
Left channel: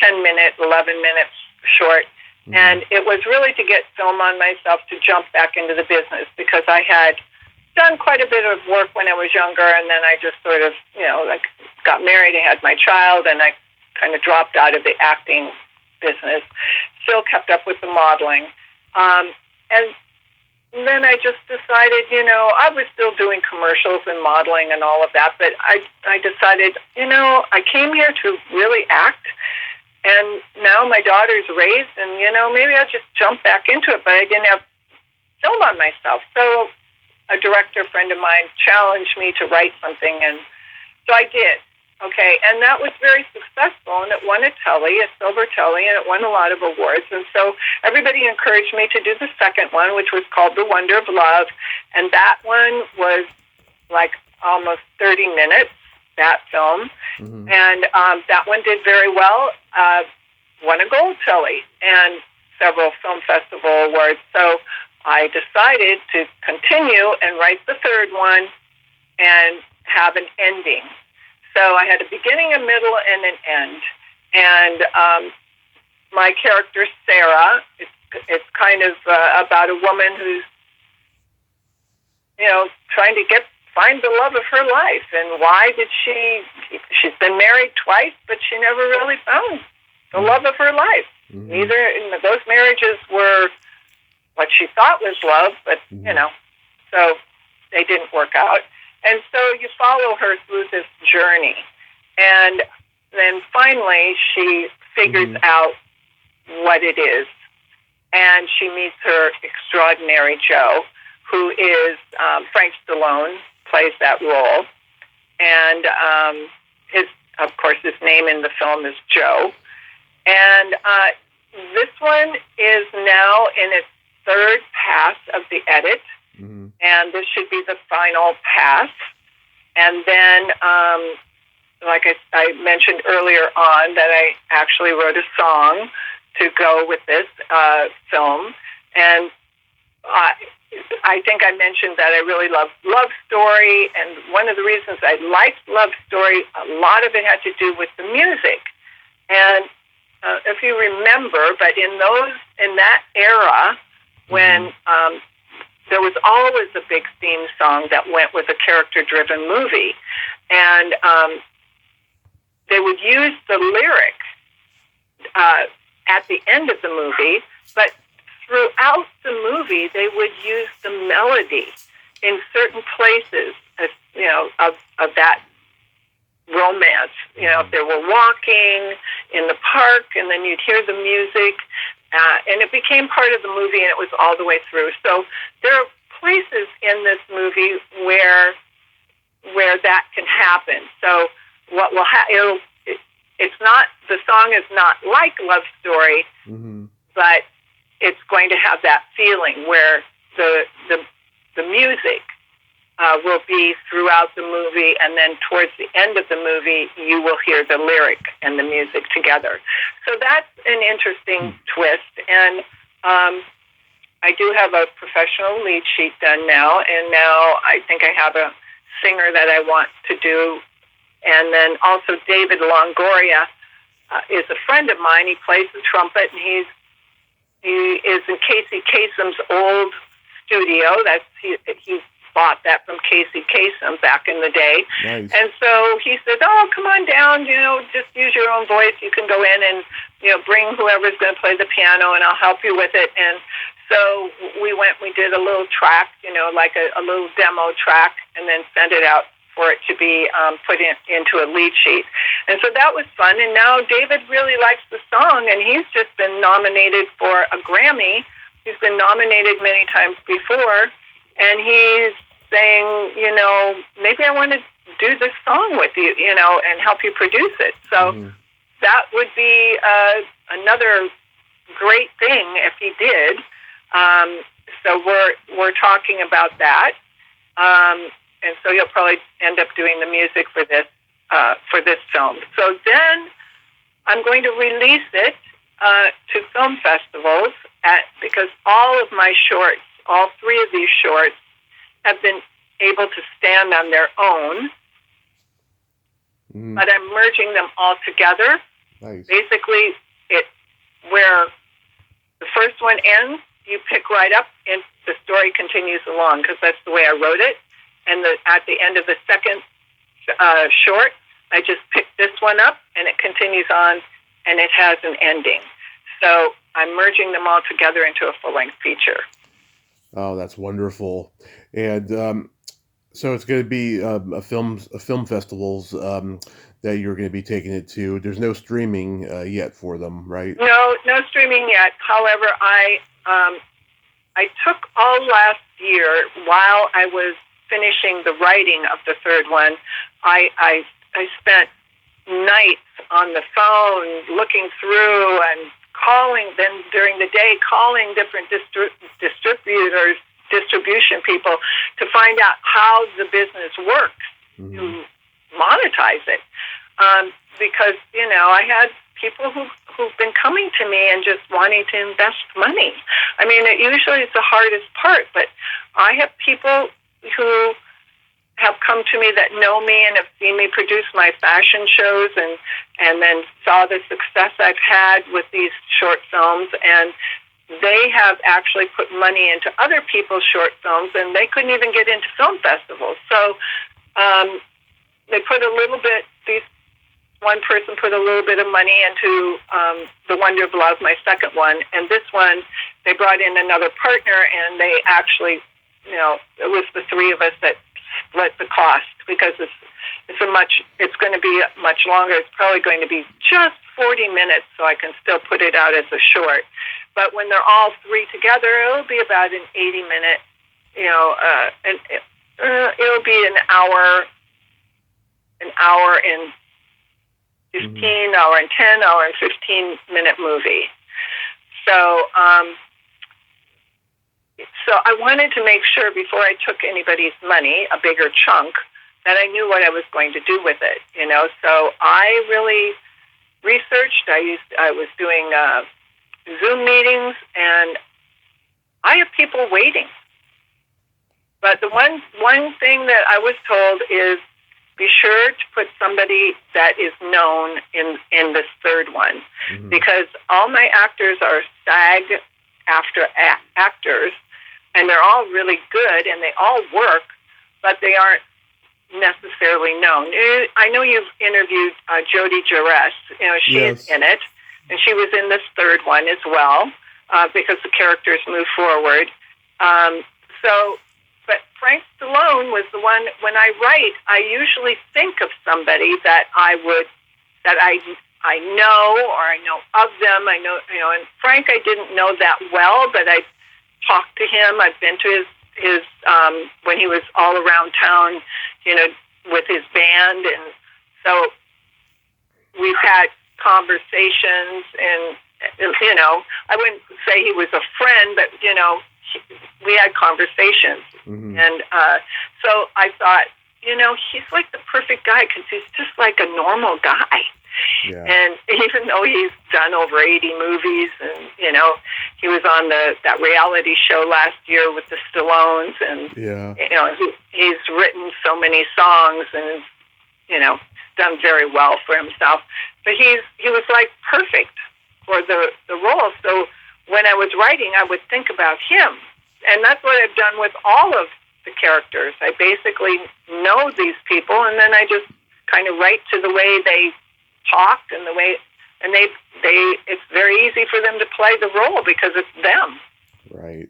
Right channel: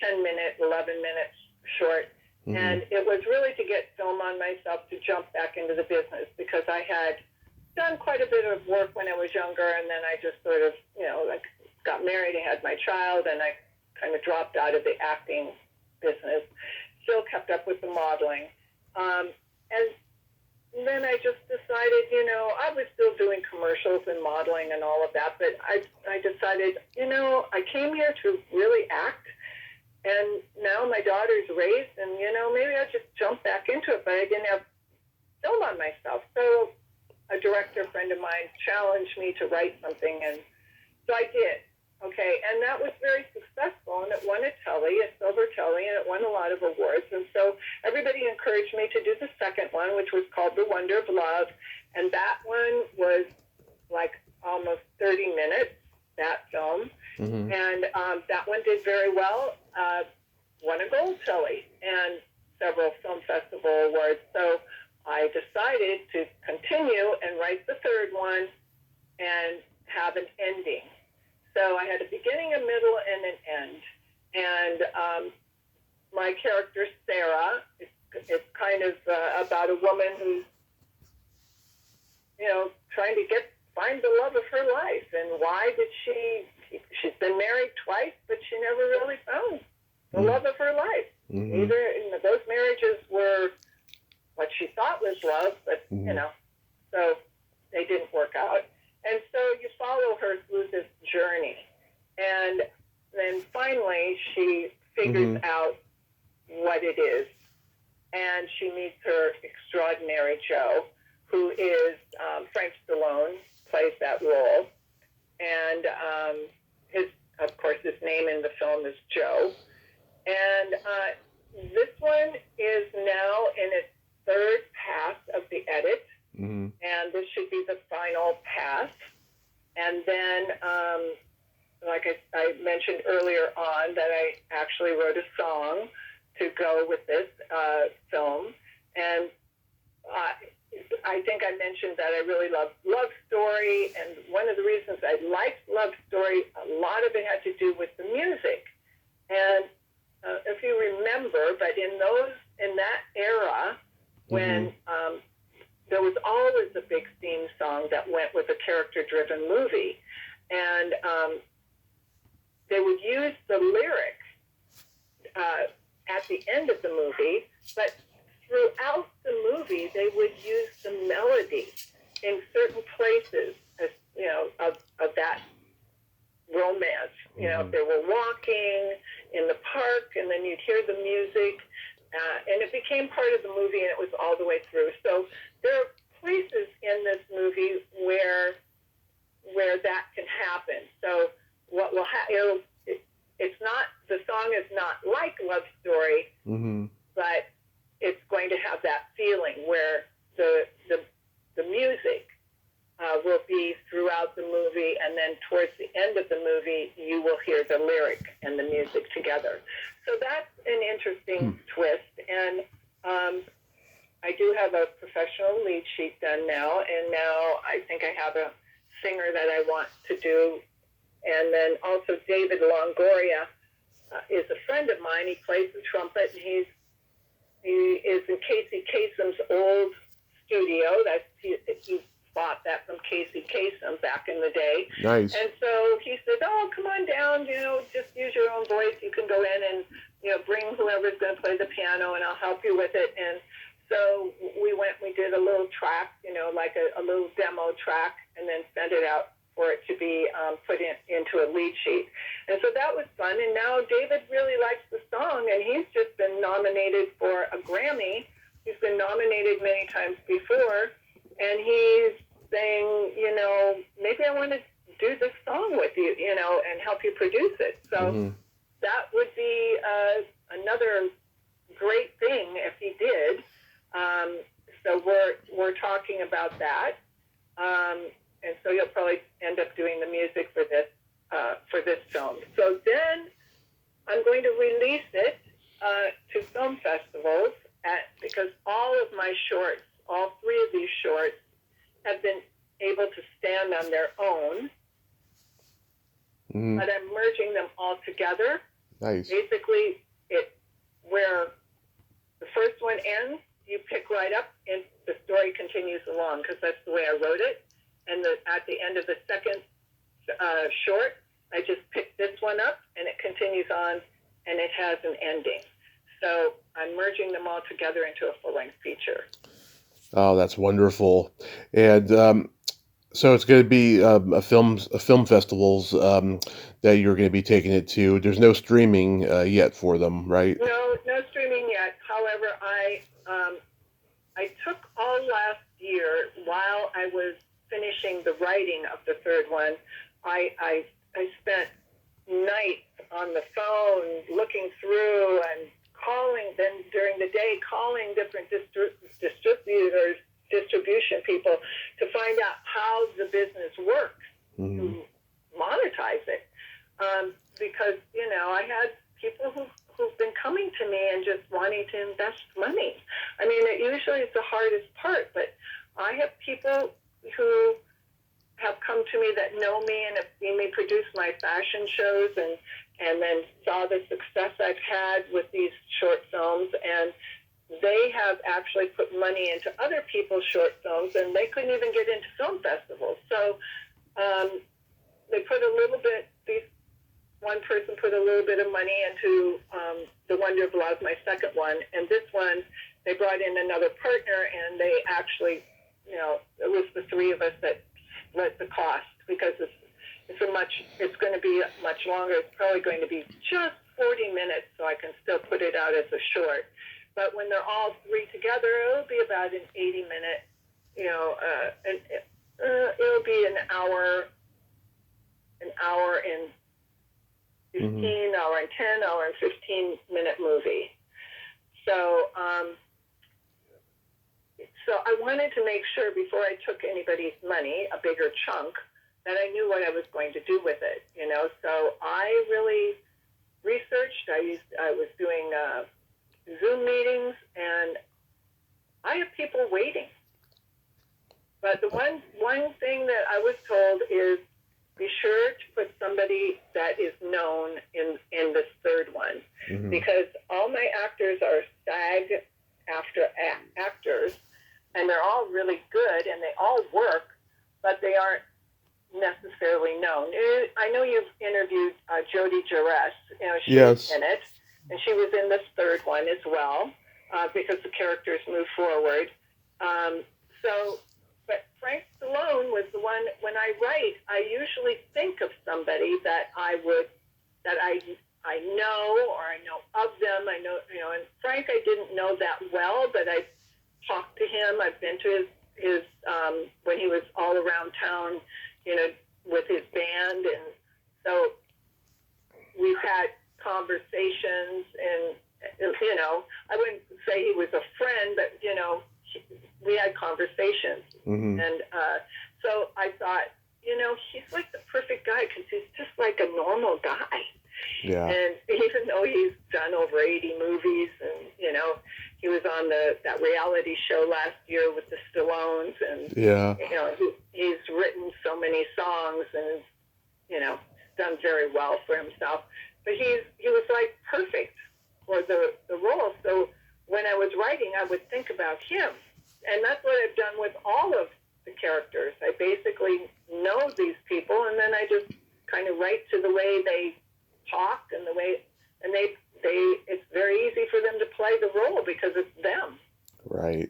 10-minute, 11-minute short. Mm-hmm. And it was really to get film on myself to jump back into the business, because I had done quite a bit of work when I was younger, and then I just sort of, got married, I had my child, and I kind of dropped out of the acting business. Still kept up with the modeling. And then I just decided, I was still doing commercials and modeling and all of that, but I decided, I came here to really act, and now my daughter's raised, and, maybe I'll just jump back into it, but I didn't have film on myself. So a director friend of mine challenged me to write something, and so I did. Okay, and that was very successful, and it won a Telly, a Silver Telly, and it won a lot of awards. And so everybody encouraged me to do the second one, which was called The Wonder of Love, and that one was like almost 30 minutes, that film. Mm-hmm. And that one did very well, won a Gold Telly and several film festival awards. So I decided to continue and write the third one and have an ending. So I had a beginning, a middle, and an end. And my character, Sarah, it's kind of about a woman who's, trying to get find the love of her life. And why did she's been married twice, but she never really found the love of her life. Neither, those marriages were what she thought was love, but, so they didn't work out. And so you follow her through this journey. And then finally she figures out what it is. And she meets her Extrodinary Joe, who is Frank Stallone, plays that role. And of course, his name in the film is Joe. And this one is now in its third pass of the edit. And this should be the final pass. And then, like I mentioned earlier on, that I actually wrote a song to go with this film. And I think I mentioned that I really love Love Story. And one of the reasons I liked Love Story, a lot of it had to do with the music. And if you remember, but in that era, when there was always a big theme song that went with a character-driven movie, and they would use the lyric at the end of the movie, but throughout the movie, they would use the melody in certain places, of that romance. If they were walking in the park, and then you'd hear the music, and it became part of the movie, and it was all the way through. So there are places in this movie where that can happen. So what will happen? It's not, the song is not like Love Story, but it's going to have that feeling where the music will be throughout the movie, and then towards the end of the movie, you will hear the lyric and the music together. So that's an interesting twist. And I do have a professional lead sheet done now, and now I think I have a singer that I want to do. And then also David Longoria is a friend of mine. He plays the trumpet, and he is in Casey Kasem's old studio. He bought that from Casey Kasem back in the day. Nice. And so he said, "Oh, come on down, just use your own voice. You can go in and, bring whoever's going to play the piano, and I'll help you with it." And so we did a little track, like a little demo track, and then sent it out for it to be put into a lead sheet. And so that was fun. And now David really likes the song, and he's just been nominated for a Grammy. He's been nominated many times before, and he's saying, maybe I want to do this song with you, and help you produce it. So that would be another great thing if he did. So we're talking about that. And so you'll probably end up doing the music for this film. So then I'm going to release it to film festivals because all of my shorts, all three of these shorts, have been able to stand on their own, but I'm merging them all together. Nice. Basically, where the first one ends, you pick right up, and the story continues along, because that's the way I wrote it. And at the end of the second short, I just pick this one up, and it continues on, and it has an ending. So I'm merging them all together into a full-length feature. Oh, that's wonderful. And so it's going to be film festivals that you're going to be taking it to. There's no streaming yet for them, right? No streaming yet. However, I took all last year while I was finishing the writing of the third one. I spent nights on the phone looking through and calling, then during the day calling different distribution people to find out how the business works to monetize it. Because, I had people who've been coming to me and just wanting to invest money. I mean, it usually is the hardest part, but I have people who have come to me that know me and have seen me produce my fashion shows and then saw the success I've had with these short films, and they have actually put money into other people's short films, and they couldn't even get into film festivals. So they put a little bit, one person put a little bit of money into The Wonder of Love, my second one, and this one, they brought in another partner, and they actually, it was the three of us that split the cost, because it's going to be much longer. It's probably going to be just 40 minutes, so I can still put it out as a short. But when they're all three together, it'll be about an 80-minute, and it'll be an hour and 15, hour and 10, hour and 15-minute movie. So I wanted to make sure before I took anybody's money, a bigger chunk, that I knew what I was going to do with it. So I really researched. I was doing Zoom meetings, and I have people waiting. But the one thing that I was told is be sure to put somebody that is known in this third one, because all my actors are SAG actors, and they're all really good, and they all work, but they aren't necessarily known. I know you've interviewed Jodi Jarres. She's in it, and she was in this third one as well, because the characters move forward. But Frank Stallone was the one. When I write, I usually think of somebody that I know, or I know of them. I know, and Frank I didn't know that well, but I talked to him. I've been to his when he was all around town, with his band, and so we've had conversations, and I wouldn't say he was a friend, but we had conversations, and so I thought, he's like the perfect guy, because he's just like a normal guy. Yeah. And even though he's done over 80 movies, and he was on that reality show last year with the Stallones, and he's written so many songs, and done very well for himself. But he was like perfect for the role. So when I was writing, I would think about him, and that's what I've done with all of the characters. I basically know these people, and then I just kind of write to the way they talked, and it's very easy for them to play the role because it's them. Right.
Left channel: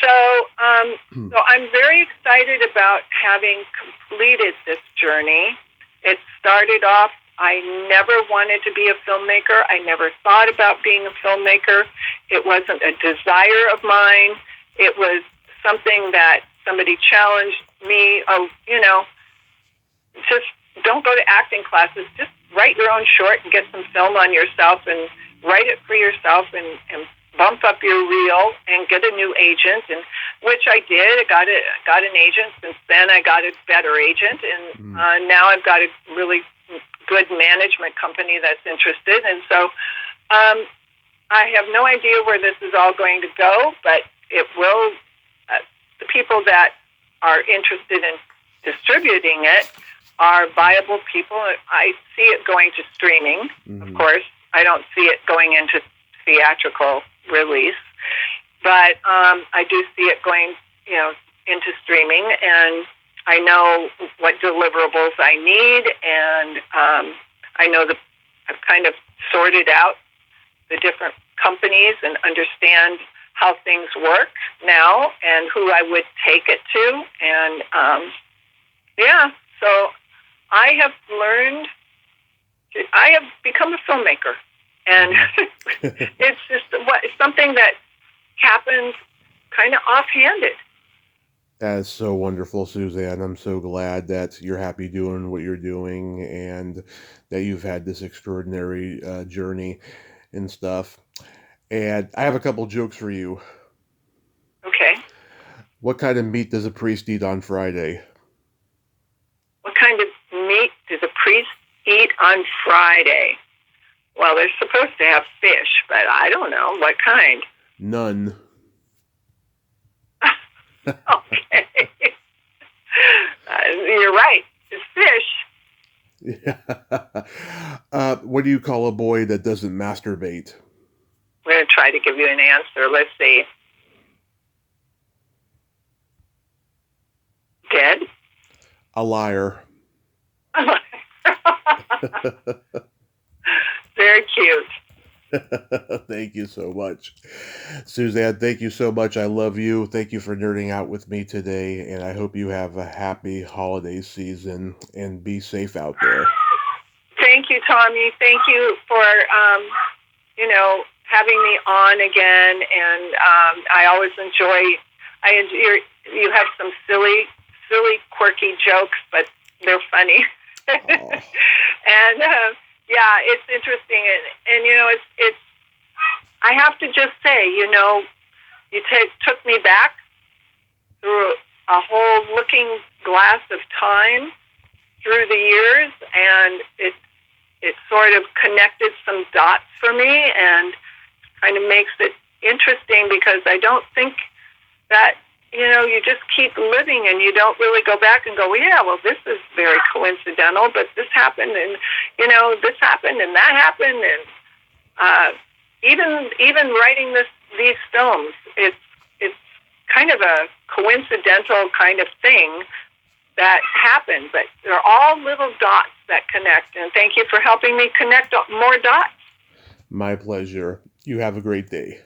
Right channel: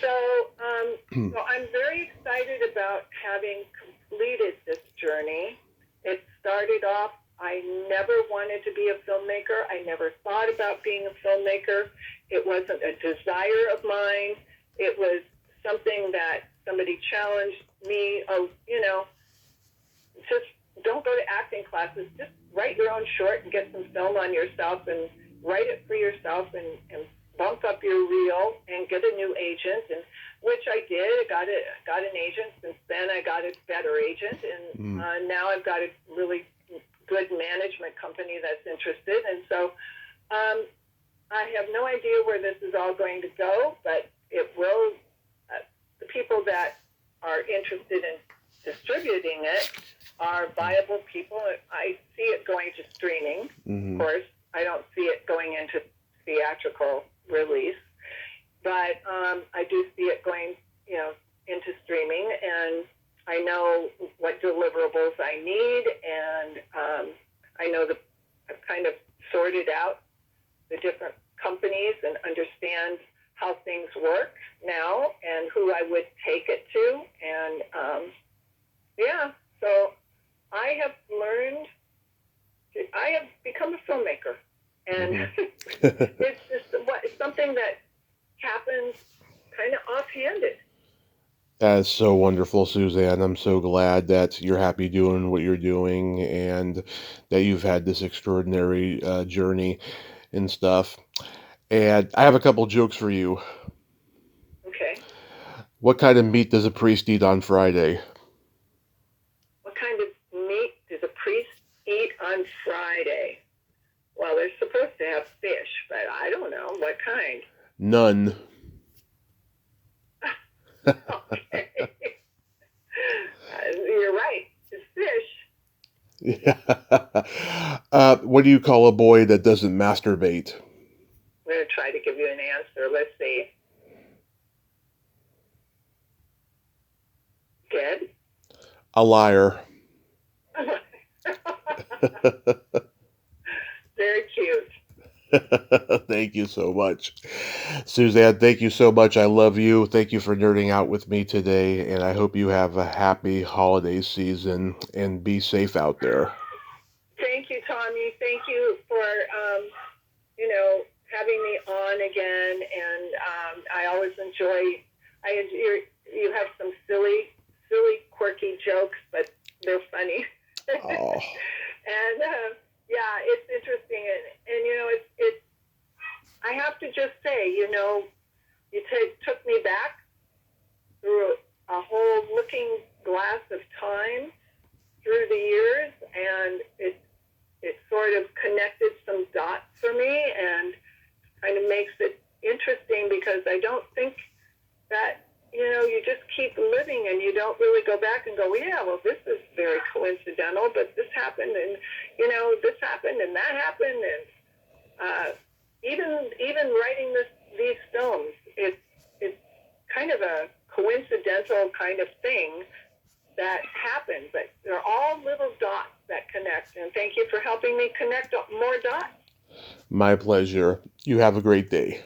So I'm very excited about having completed this journey. It started off, I never wanted to be a filmmaker. I never thought about being a filmmaker. It wasn't a desire of mine. It was something that somebody challenged me. Just don't go to acting classes. Just write your own short and get some film on yourself, and write it for yourself, and bump up your reel and get a new agent, and which I did. I got an agent. Since then, I got a better agent, and now I've got a really good management company that's interested. And so I have no idea where this is all going to go, but it will. The people that are interested in distributing it are viable people. I see it going to streaming, of course. I don't see it going into theatrical release, but I do see it going, into streaming, and I know what deliverables I need, and I know I've kind of sorted out the different companies and understand how things work now and who I would take it to, and so I have become a filmmaker, and it's just something that happens kind of offhanded. That's so wonderful, Suzanne. I'm so glad that you're happy doing what you're doing, and that you've had this extraordinary journey and stuff. And I have a couple jokes for you. Okay. What kind of meat does a priest eat on Friday? What kind of meat does a priest eat on Friday? Well, they're supposed to have fish, but I don't know. What kind? None. Okay. You're right. It's fish. Yeah. What do you call a boy that doesn't masturbate? I'm going to try to give you an A liar. Very cute. Thank you so much. Suzanne, thank you so much. I love you. Thank you for nerding out with me today, and I hope you have a happy holiday season and be safe out there. Thank you, Tommy. Thank you for, having me on again, and I always enjoy you have some silly, quirky jokes, but they're funny. Oh. And it's interesting, and it's. I have to just say, you took me back through a whole looking glass of time through the years, and it sort of connected some dots for me, and kind of makes it interesting because I don't think that you just keep living and you don't really go back and go, well, yeah, well, this is very coincidental, but this happened, and this happened, and that happened, and even writing these films, it's kind of a coincidental kind of thing that happened, but they're all little dots that connect, and thank you for helping me connect more dots. My pleasure. You have a great day.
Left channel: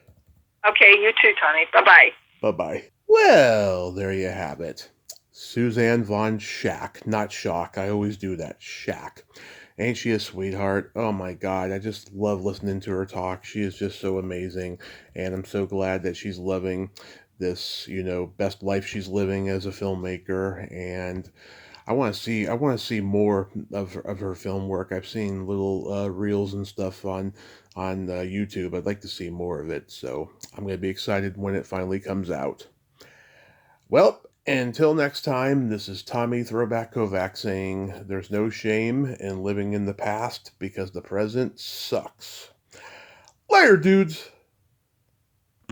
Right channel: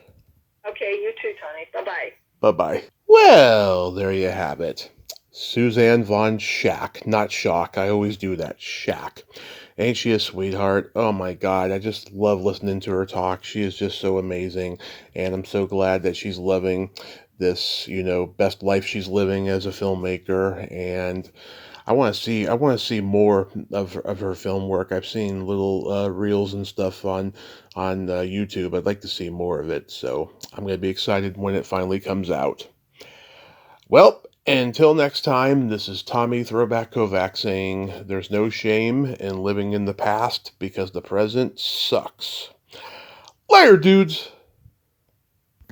Okay, you too, Tony. Bye-bye. Bye-bye. Well, there you have it. Suzanne von Schaack. Not Shock. I always do that. Schaack. Ain't she a sweetheart? Oh my God. I just love listening to her talk. She is just so amazing. And I'm so glad that she's loving this, best life she's living as a filmmaker. And I want to see more of her film work. I've seen little reels and stuff on YouTube. I'd like to see more of it. So I'm going to be excited when it finally comes out. Well, until next time, this is Tommy Throwback Kovac saying there's no shame in living in the past because the present sucks. Later, dudes!